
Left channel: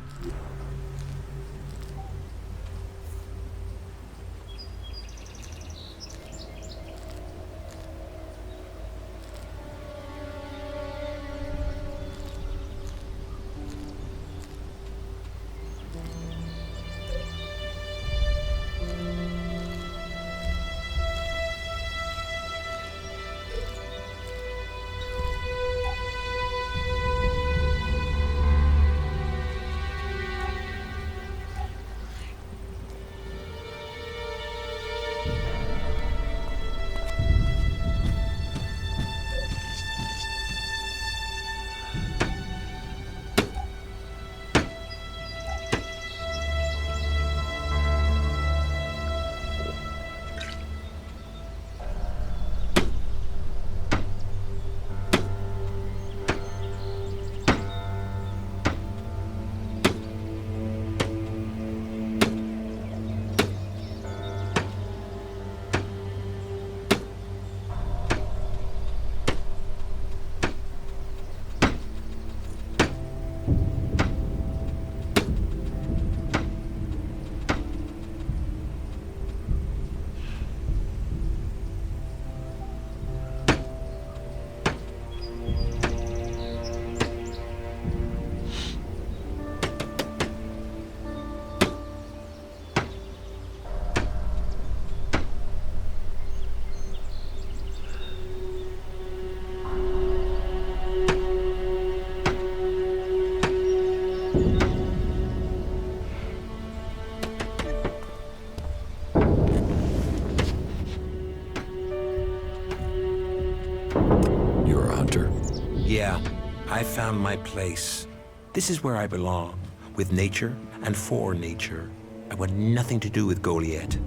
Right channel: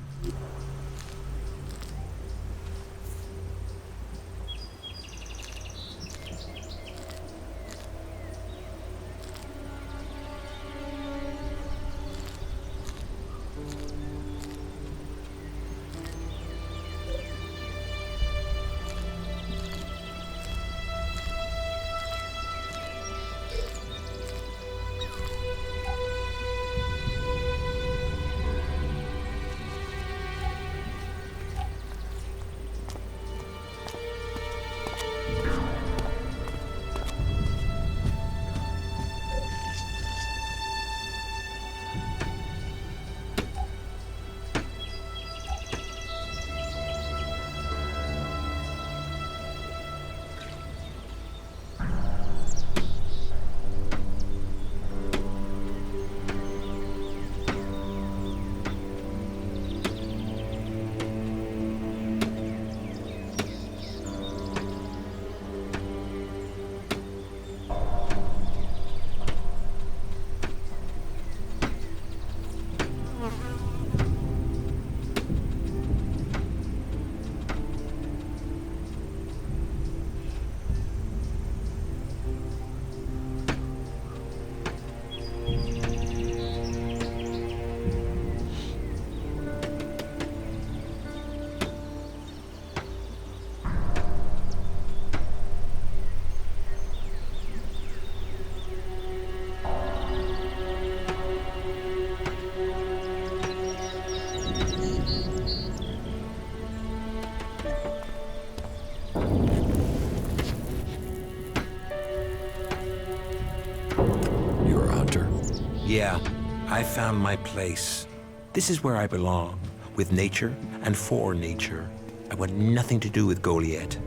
You're a hunter? Yeah, I found my place. This is where I belong, with nature and for nature. I want nothing to do with Goliath.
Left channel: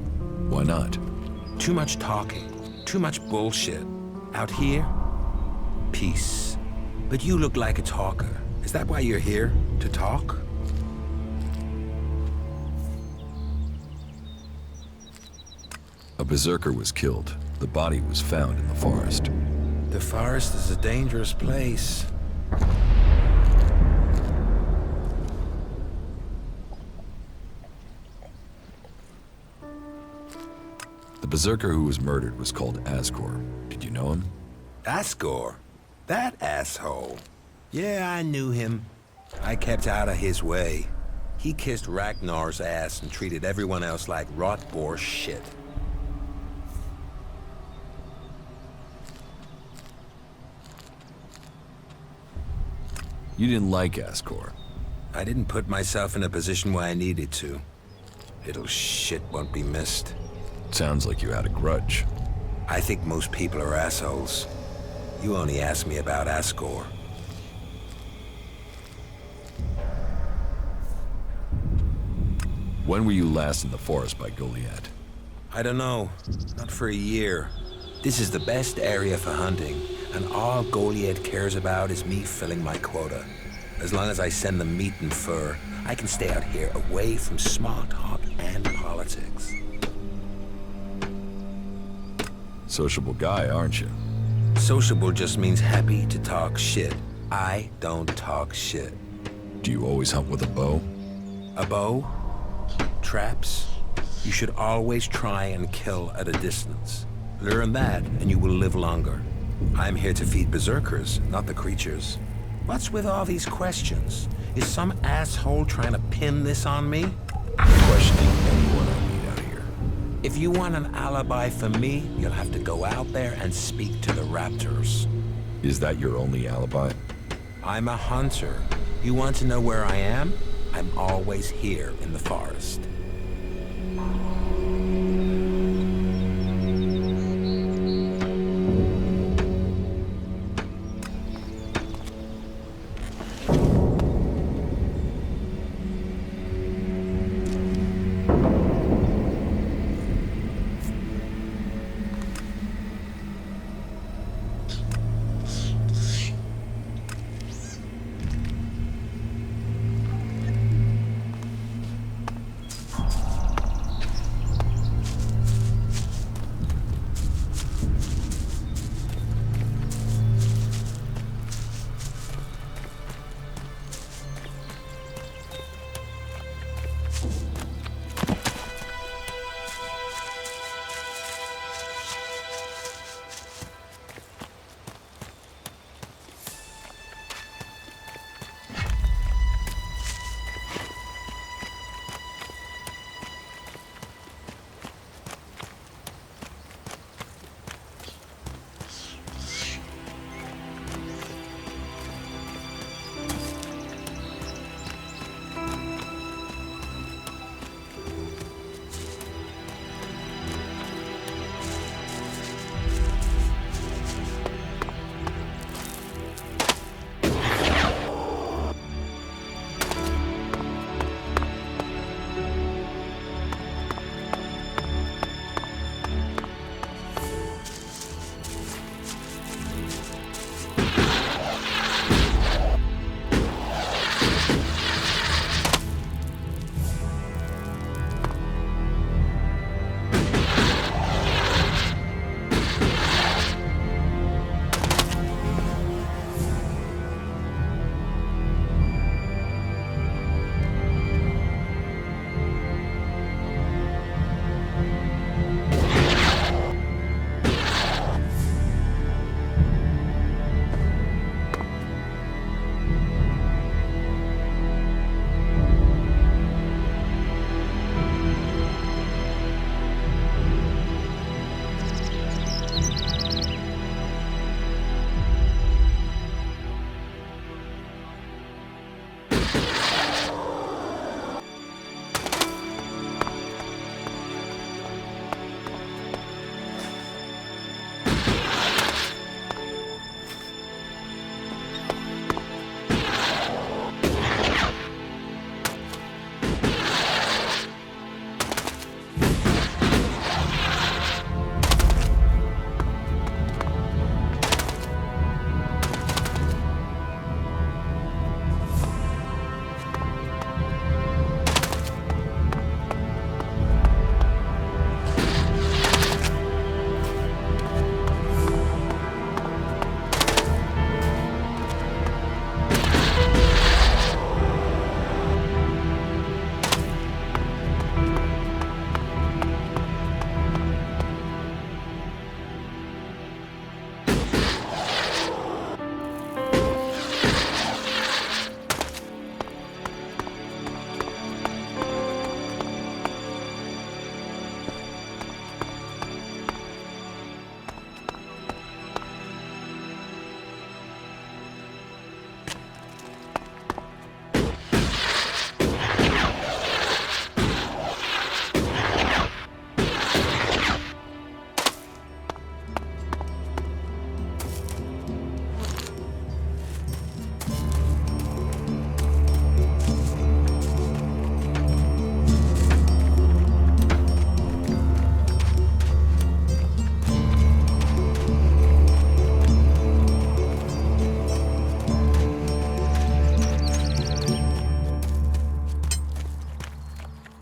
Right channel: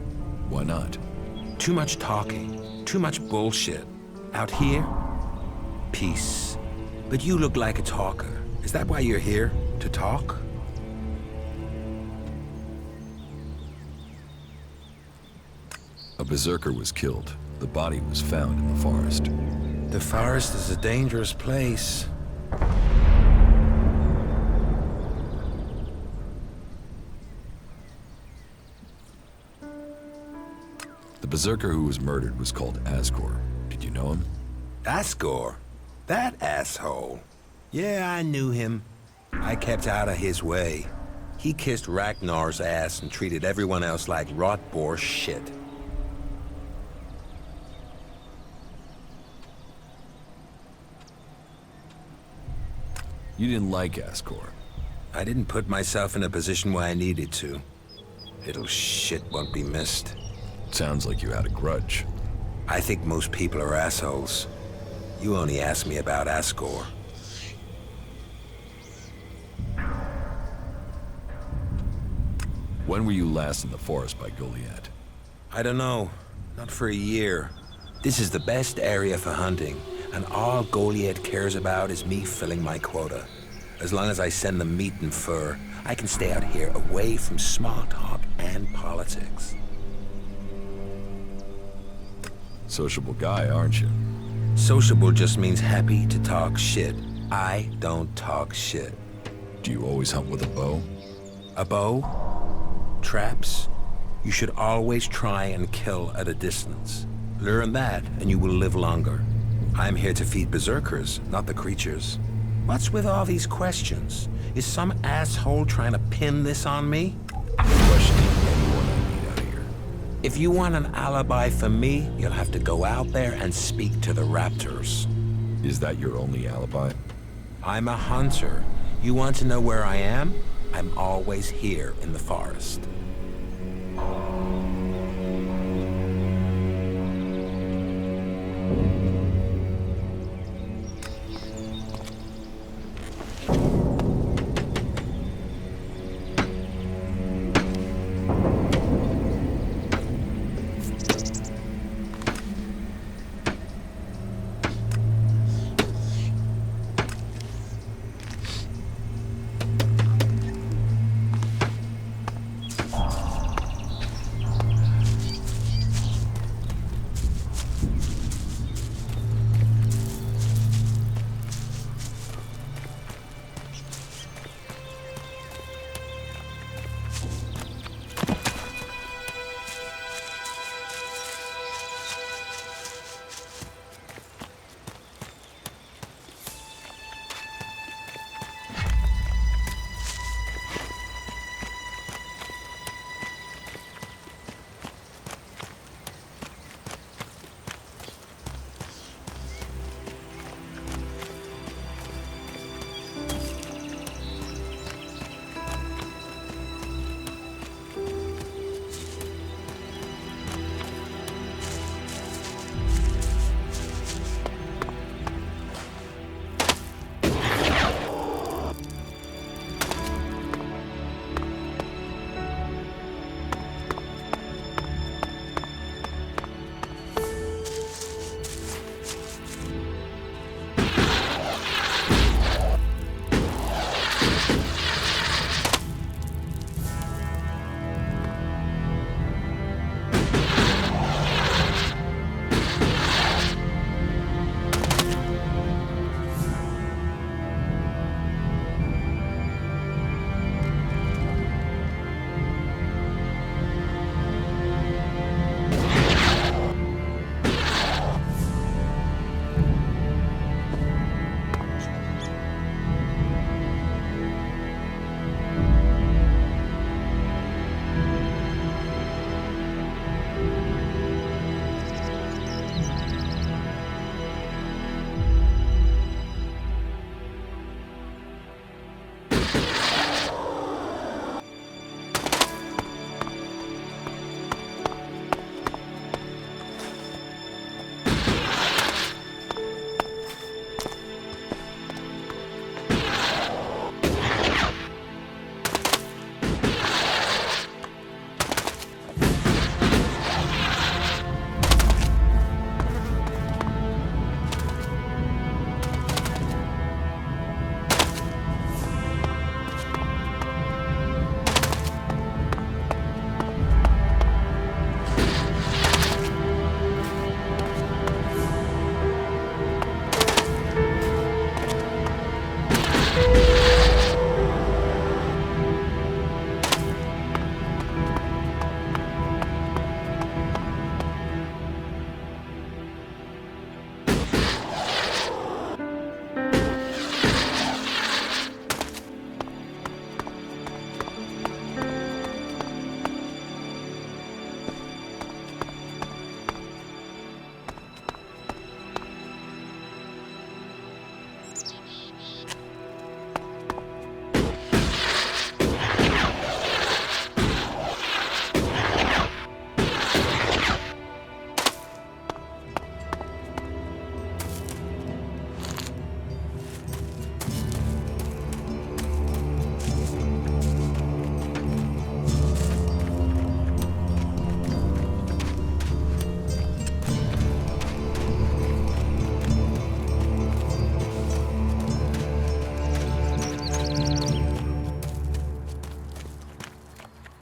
Why not? Too much talking, too much bullshit. Out here, peace. But you look like a talker. Is that why you're here? To talk? A berserker was killed. The body was found in the forest. The forest is a dangerous place. The berserker who was murdered was called Asgore. Did you know him? Asgore? That asshole. Yeah, I knew him. I kept out of his way. He kissed Ragnar's ass and treated everyone else like rot boar shit. You didn't like Asgore. I didn't put myself in a position where I needed to. Little shit won't be missed. Sounds like you had a grudge. I think most people are assholes. You only asked me about Asgore. When were you last in the forest by Goliath? I don't know. Not for a year. This is the best area for hunting, and all Goliath cares about is me filling my quota. As long as I send them meat and fur, I can stay out here away from small talk and politics. Sociable guy, aren't you? Sociable just means happy to talk shit. I don't talk shit. Do you always hunt with a bow? A bow? Traps? You should always try and kill at a distance. Learn that, and you will live longer. I'm here to feed berserkers, not the creatures. What's with all these questions? Is some asshole trying to pin this on me? Questioning anyone I meet out here. If you want an alibi for me, you'll have to go out there and speak to the raptors. Is that your only alibi? I'm a hunter. You want to know where I am? I'm always here in the forest.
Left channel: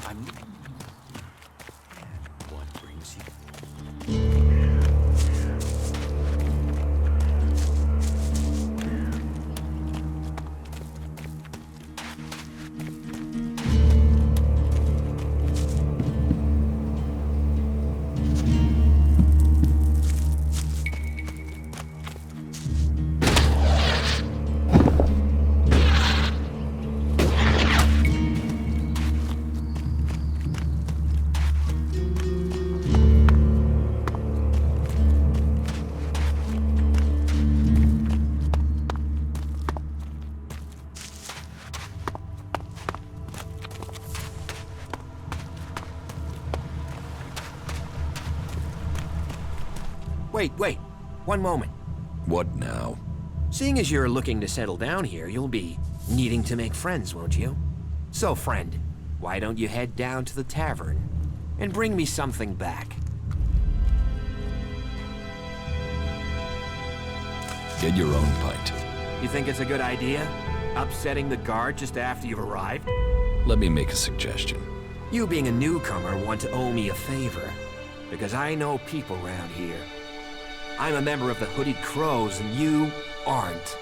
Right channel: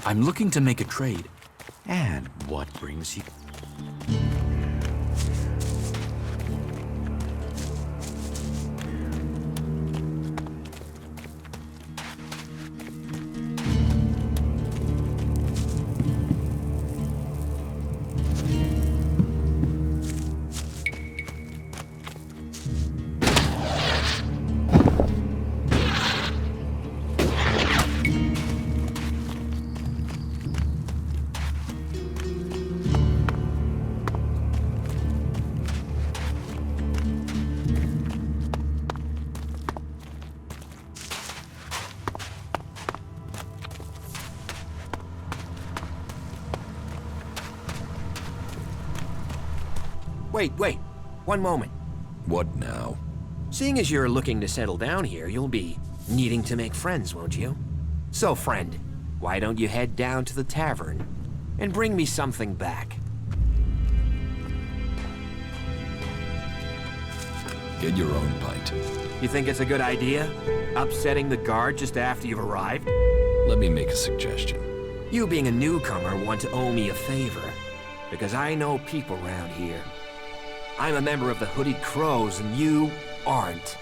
I'm looking to make a trade. And what brings you? Wait. One moment. What now? Seeing as you're looking to settle down here, you'll be needing to make friends, won't you? So, friend, why don't you head down to the tavern and bring me something back? Get your own pint. You think it's a good idea? Upsetting the guard just after you've arrived? Let me make a suggestion. You being a newcomer want to owe me a favor, because I know people around here. I'm a member of the Hooded Crows, and you aren't.